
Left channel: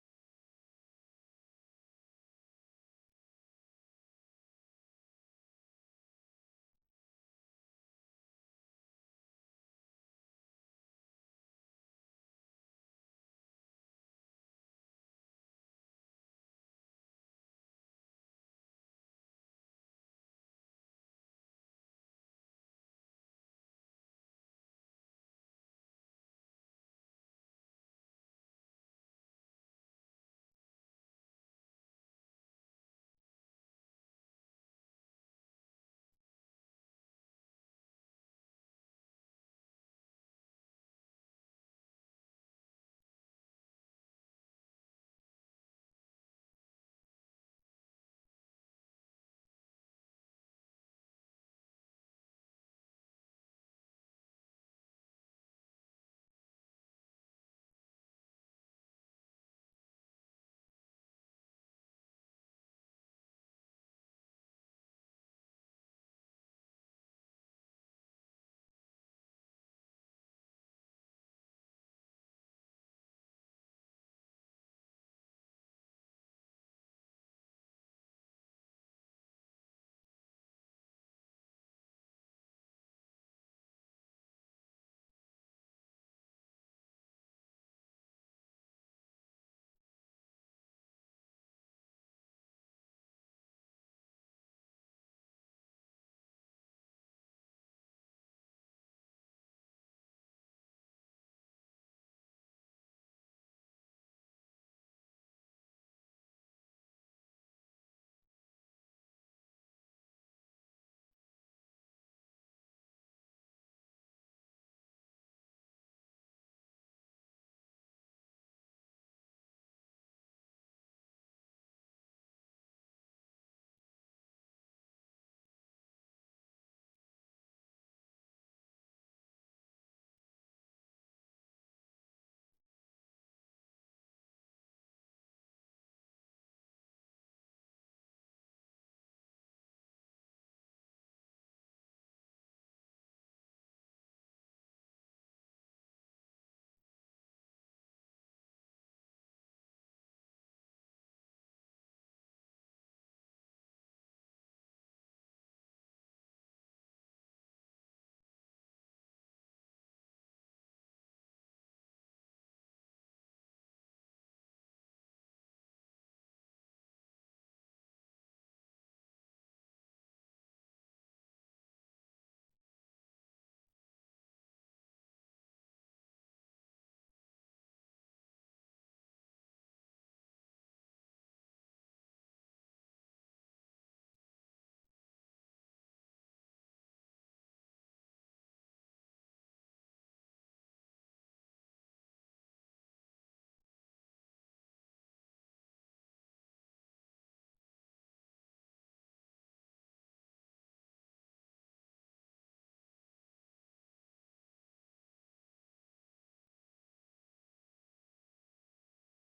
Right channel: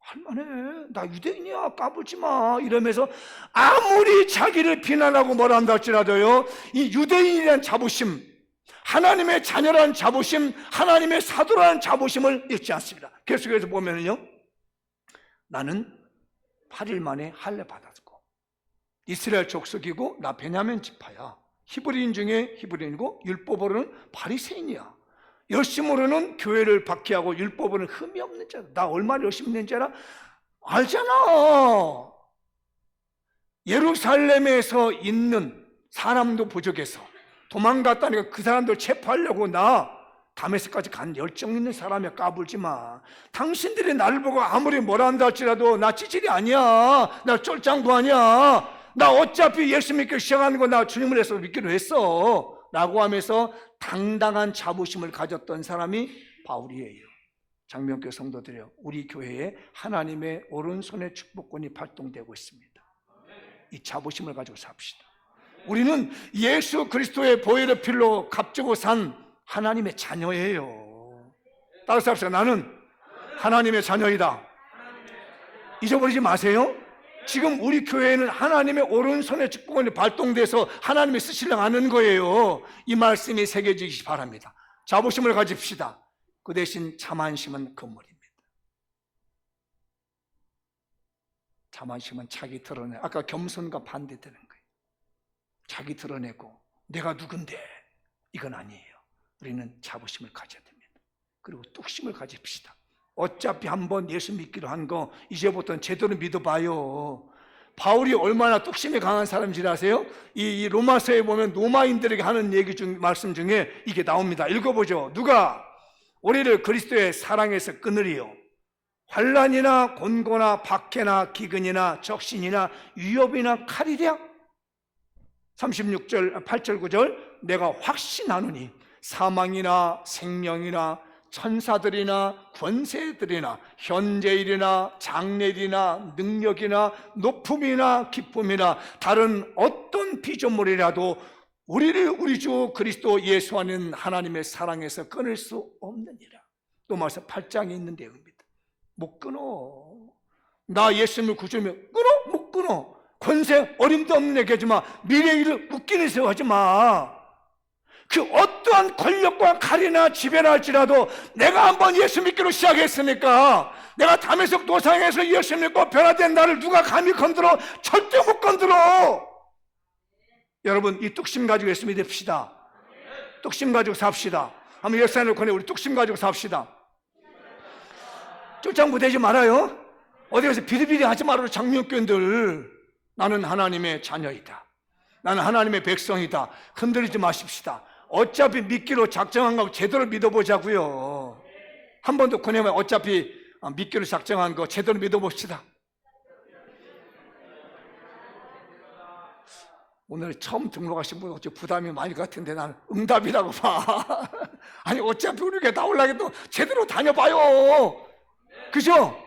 할만해. 나 유대인이야. 까불지 마. 이러면서 아무리 자기를 비난하고 뭐라 한다 할지라도요, 이 유대인이라는 자부심, 하나님의 자녀라는 자부심, 하나님의 사도라는 자부심을 잃지 않습니다. 계속해서 보면은요, 나는 8일 만에 할례 받았고 이스라엘 족속이고 나 베냐민 지파야. 히브리인 중에 히브리인이고 율법으로는 바리새인이야. 열심으로는 교회를 박해하고 율법으로는 흠이 없는 자다. 나 얼마나 열심히 있는지 알잖아. 예루살렘에서 있는 사람도 부족해서 도망갔다니까 그 사람들 체포하려고 나 다메섹까지 간 열정 있는 사람이야. 까불지 마. 당신들이 나를 보고 아무리 뭐라 한다 할지라도 나 찌질이 아니야. 나 쫄짱구 아니야. 나 어차피 예수 믿기 시작하는 거 나 주님을 해서 믿기로 했어 라고 하면서 당당한 자부심을 가졌던 사람이 바울이에요. 장명교 성도들이요, 우리 교회에 하나님의 오른손의 축복권이 발동되고 있습니다. 이 자부심을 가지고 삽시다. 우리는 예수 그리스도의 보혈의 피로 값주고 산 하나님의 자녀예요. 따라서 합시다. 나는 하나님의 자녀이다. 잊어버리지 마세요. 지금 우리 교회에는 하나님의 오른손의 축복권이 발동돼서 하나님이 쓰시려고 하는 거예요. 이 말씀이 새겨지기 바랍니다. 자부심을 가집시다. 그 대신 자만심은 금물입니다. 자만심은 자기 드러내, 아까 겸손과 반대되는 거예요. 자기 드러내고 내가 누군데, 이건 아니에요. 우리는 자부심을 가져야 됩니다. 그리고 뚝심을 가집시다. 어차피 한번 예수 믿기로 한 거 이제부터는 제대로 믿어봐요. 바울이 얼마나 뚝심이 강한 사람인지 아세요? 이 로마서에 보면 로마인들에게 하는 얘기 중, 말씀 중에 이게 나옵니다. 읽어보죠. 누가 우리를 그리스도의 사랑에서 끊으리요? 환난이나 곤고나 박해나 기근이나 적신이나 위협이나 칼이랴? 36절 8절 9절 내가 확신하노니 사망이나 생명이나 천사들이나 권세들이나 현재일이나 장래일이나 능력이나 높음이나 기쁨이나 다른 어떤 피조물이라도 우리를 우리 주 그리스도 예수 안에 하나님의 사랑에서 끊을 수 없느니라. 또 말씀 8장에 있는 내용입니다. 못 끊어. 나 예수님을 구주면 끊어? 못 끊어. 권세 어림도 없는 얘기하지마. 미래의 일을 웃기는 세워 하지마. 그 어떠한 권력과 칼이나 지배나 할지라도 내가 한번 예수 믿기로 시작했으니까, 내가 다메섹 도상에서 예수 믿고 변화된 나를 누가 감히 건드려? 절대 못 건드려. 여러분, 이 뚝심 가지고 예수 믿읍시다. 뚝심 가지고 삽시다. 한번 역사를 권해. 우리 뚝심 가지고 삽시다. 쫄짱부 되지 말아요. 어디 가서 비리비리 하지 말아요. 장명교인들. 나는 하나님의 자녀이다. 나는 하나님의 백성이다. 흔들리지 마십시다. 어차피 믿기로 작정한 거 제대로 믿어보자고요. 한 번 더 권하면 어차피 믿기로 작정한 거 제대로 믿어봅시다. 오늘 처음 등록하신 분 어째 부담이 많이 같은데 나는 응답이라고 봐. 아니 어차피 우리 교회 나오려고 또 제대로 다녀봐요. 그죠?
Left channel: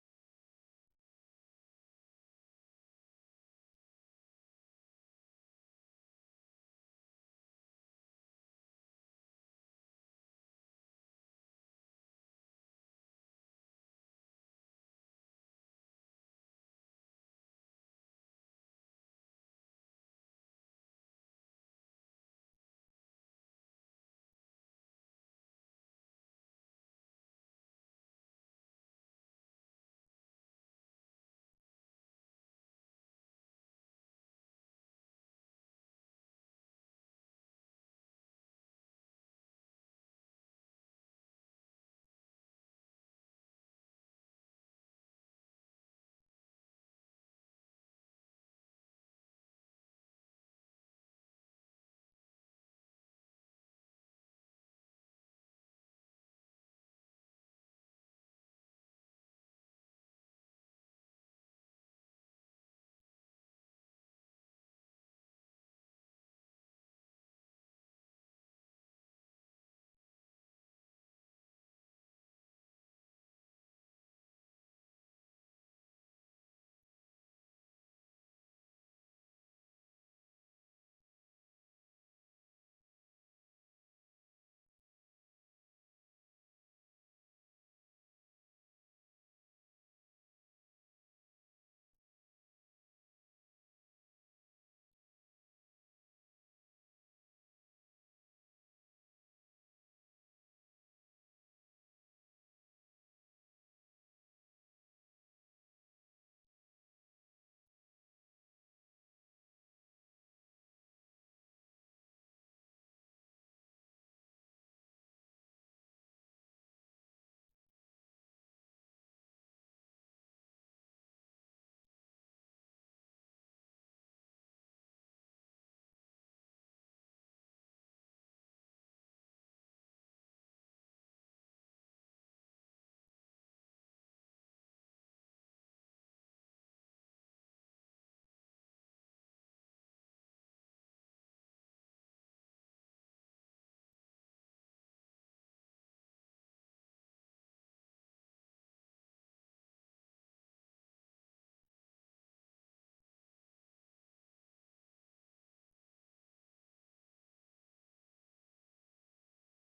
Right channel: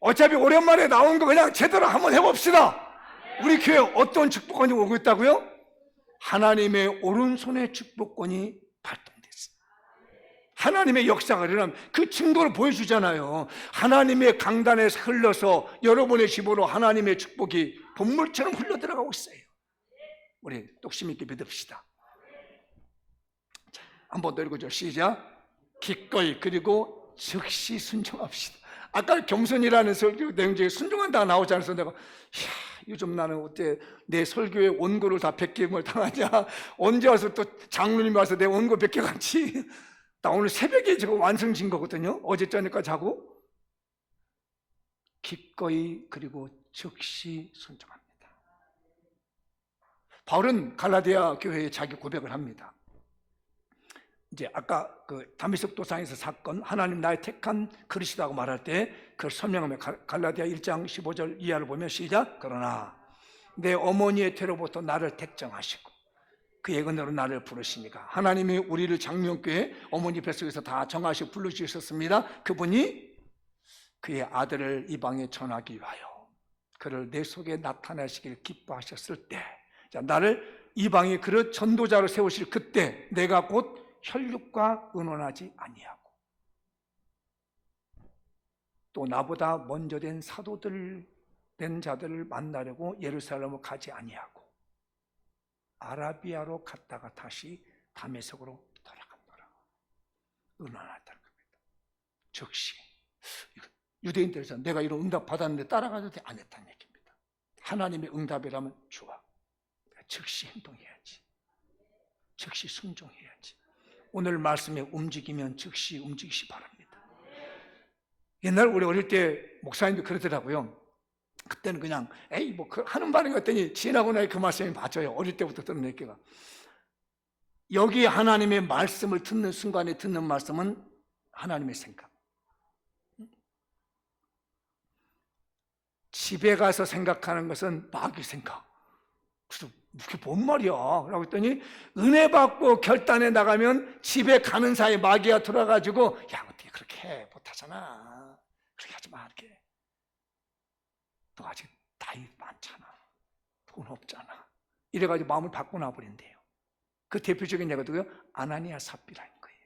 어차피 오랜만에 나온 거 그냥 제대로 한번 해봅시다. 우리 교회 어떤 축복권이 오고 있다고요? 하나님의 오른손의 축복권이 발동됐어요. 하나님의 역사가 일어나면 그 증거를 보여주잖아요. 하나님의 강단에서 흘러서 여러분의 집으로 하나님의 축복이 본물처럼 흘러들어가고 있어요. 우리 똑심 있게 믿읍시다. 자, 한 번 더 읽어줘. 시작. 기꺼이 그리고 즉시 순종합시다. 아까 겸손이라는 설교 내용 중에 순종한다가 나오지 않아서 내가 요즘 나는 어때 내 설교에 원고를 다 베끼임을 당하냐, 언제 와서 또 장로님이 와서 내 원고 베껴갔지. 나 오늘 새벽에 지금 완성진 거거든요. 어제 저녁까지 자고. 기꺼이 그리고 즉시 순종합니다. 바울은 갈라디아 교회에 자기 고백을 합니다. 이제 아까 그 다메섹 도상에서 사건, 하나님 나의 택한 그릇이라고 말할 때 그걸 설명하면 갈라디아 1장 15절 이하를 보면 시작. 그러나 내 어머니의 태로부터 나를 택정하시고 그의 은혜로 나를 부르시니까 하나님이 우리를 장명교회 어머니 뱃속에서 다 정하시고 부르시셨습니다. 그분이 그의 아들을 이방에 전하기 위하여 그를 내 속에 나타내시기를 기뻐하셨을 때, 자, 나를 이방의 그릇 전도자로 세우실 그때 내가 곧 혈육과 의논하지 아니하고 또 나보다 먼저 된 사도들 된 자들을 만나려고 예루살렘으로 가지 아니하고 아라비아로 갔다가 다시 다메섹으로 돌아간다라. 의논하다는 겁니다. 즉시 유대인들에서 내가 이런 응답 받았는데 따라가도 돼? 안 했다는 얘기입니다. 하나님의 응답이라면 좋아. 즉시 행동해야지. 즉시 순종해야지. 오늘 말씀에 움직이면 즉시 움직이시 바랍니다. 옛날 우리 어릴 때 목사님도 그러더라고요. 그때는 그냥 에이 뭐 하는 말인 것 같더니 지나고 나니 그 말씀이 맞아요. 어릴 때부터 듣는 얘기가. 여기 하나님의 말씀을 듣는 순간에 듣는 말씀은 하나님의 생각. 집에 가서 생각하는 것은 마귀 생각. 그래서 그게 뭔 말이야? 라고 했더니 은혜 받고 결단에 나가면 집에 가는 사이 마귀가 들어가지고 야 어떻게 그렇게 해? 못하잖아. 그렇게 하지 마. 이렇게. 너 아직 나이 많잖아. 돈 없잖아. 이래가지고 마음을 바꿔 놔버린대요. 그 대표적인 예가도요 아나니아 삽비라는 거예요.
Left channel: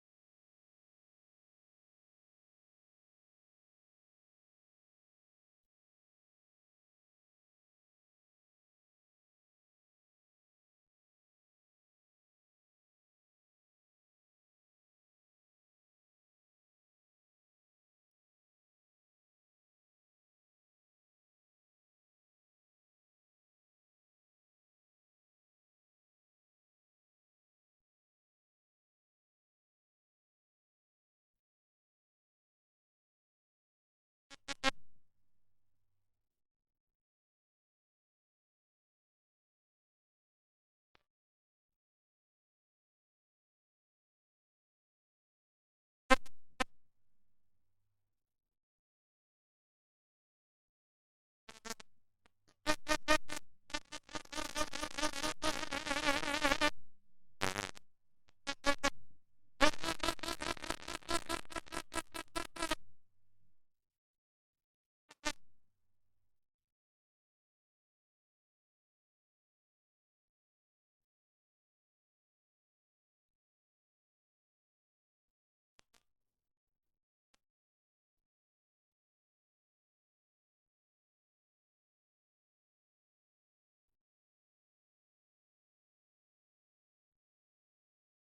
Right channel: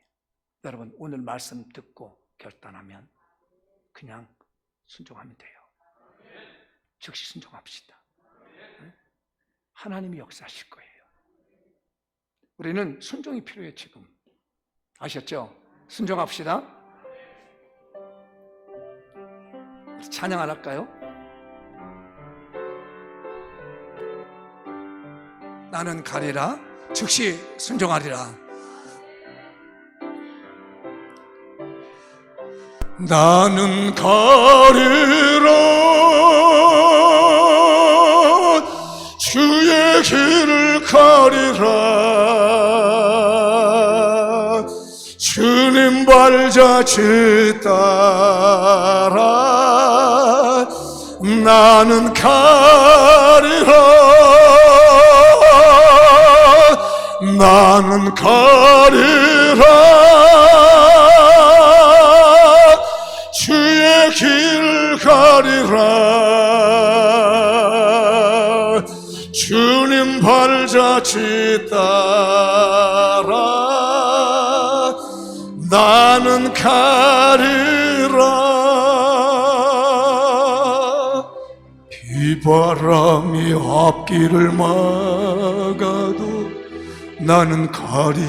여러분 오늘 말씀 듣고 결단하면 그냥 순종하면 돼요. 즉시 순종합시다. 하나님이 역사하실 거예요. 우리는 순종이 필요해요. 지금 아셨죠? 순종합시다. 찬양 안 할까요? 나는 가리라 즉시 순종하리라. 나는 가리라 주의 길을 가리라 주님 발자취 따라 나는 가리라 나는 가리라 주의 길 가리라 주님 발자취 따라 나는 가리라 비바람이 앞길을 막아도 나는 가리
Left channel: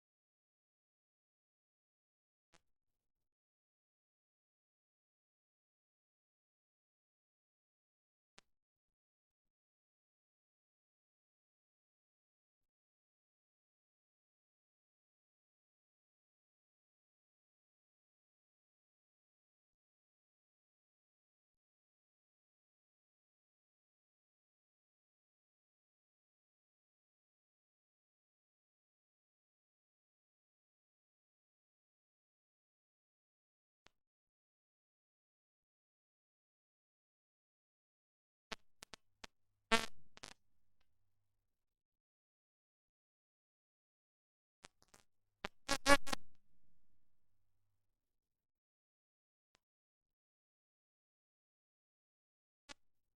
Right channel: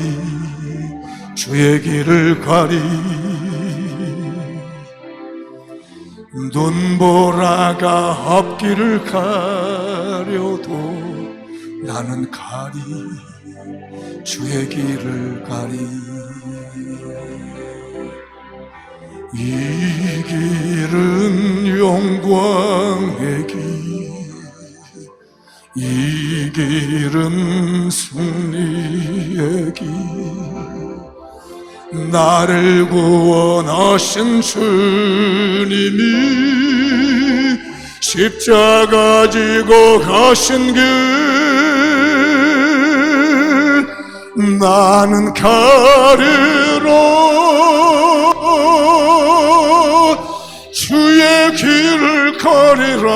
주의 길을 가리 눈보라가 앞길을 가려도 나는 가리 주의 길을 가리 이 길은 영광의 길 이 길은 승리의 길 나를 구원하신 주님이 십자가 지고 가신 길 나는 가리라 주의 길을 가리라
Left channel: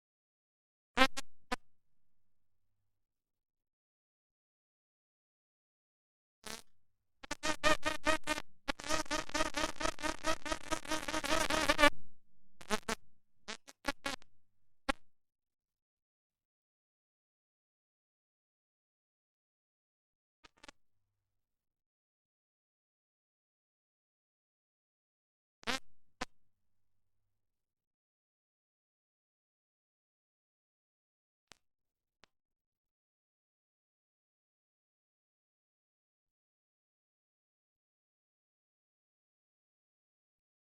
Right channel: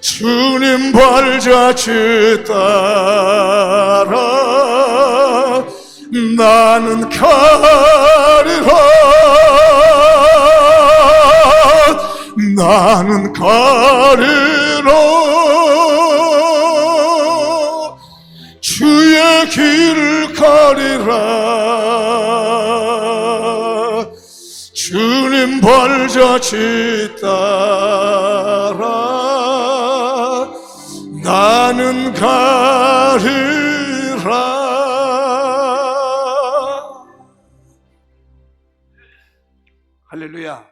주님 발자취 따라 나는 가리라 나는 가리라 주의 길을 가리라 주님 발자취 따라 나는 가리라. 할렐루야.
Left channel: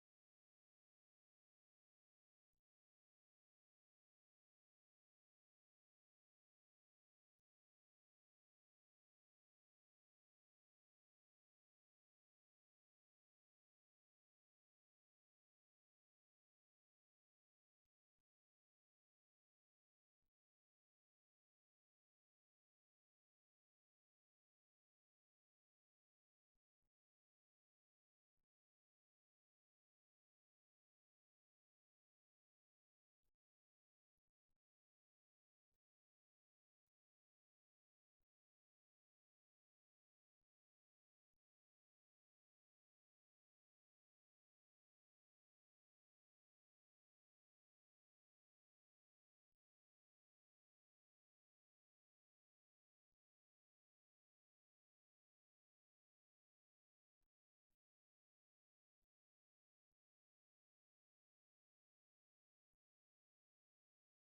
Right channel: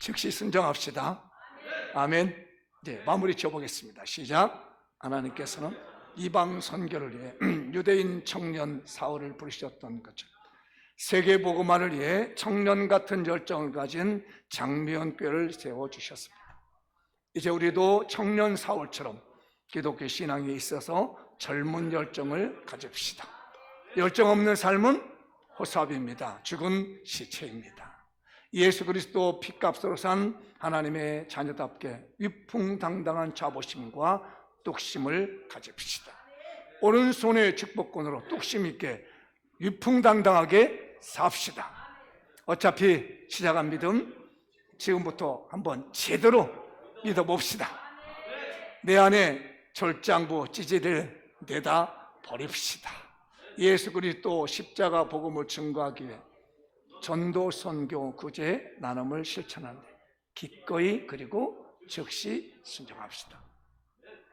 즉시 순종합시다. 아멘. 이제 마무리 지어보겠습니다. 시작. 하나님께서는 이방 선교를 위해 유대인 청년 사울을 부르셨던 것처럼 세계 복음화를 위해 청년 같은 열정을 가진 장미연교회를 세워주셨습니다. 이제 우리도 청년 사울처럼 기독교 신앙에 있어서 젊은 열정을 가집시다. 열정 없는 삶은 호삽입니다. 죽은 시체입니다. 예수 그리스도 피값으로 산 하나님의 자녀답게 위풍당당한 자부심과 뚝심을 가집시다. 오른손의 축복권으로 뚝심 있게 위풍당당하게 삽시다. 어차피 시작한 믿음 지금부터 한번 제대로 믿어봅시다. 내 안에 절장부 찌질을 내다 버립시다. 예수 그리스도 십자가 복음을 증거하기 위해 전도, 선교, 구제, 나눔을 실천하는데 기꺼이 그리고 즉시 순종합시다.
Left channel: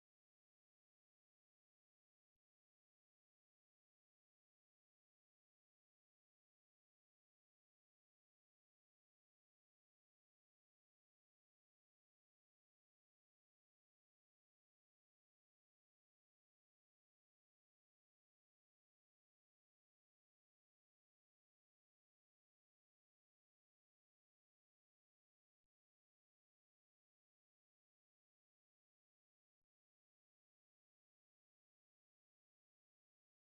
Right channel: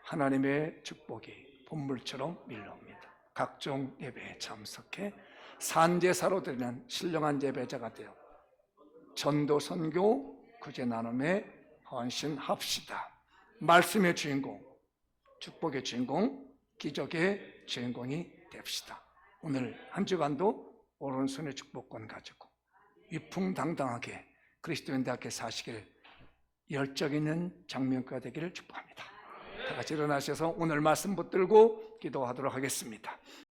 하나님의 축복이 본물처럼 밀려옵니다. 각종 예배에 참석해 산제사로 드리는 신령한 예배자가 되어 전도, 선교, 구제, 나눔에 헌신합시다. 말씀의 주인공, 축복의 주인공, 기적의 주인공이 됩시다. 오늘 한 주간도 오른손의 축복권 가지고 위풍당당하게 그리스도인답게 사시길 열정 있는 장면가 되기를 축복합니다. 다 같이 일어나셔서 오늘 말씀 붙들고 기도하도록 하겠습니다.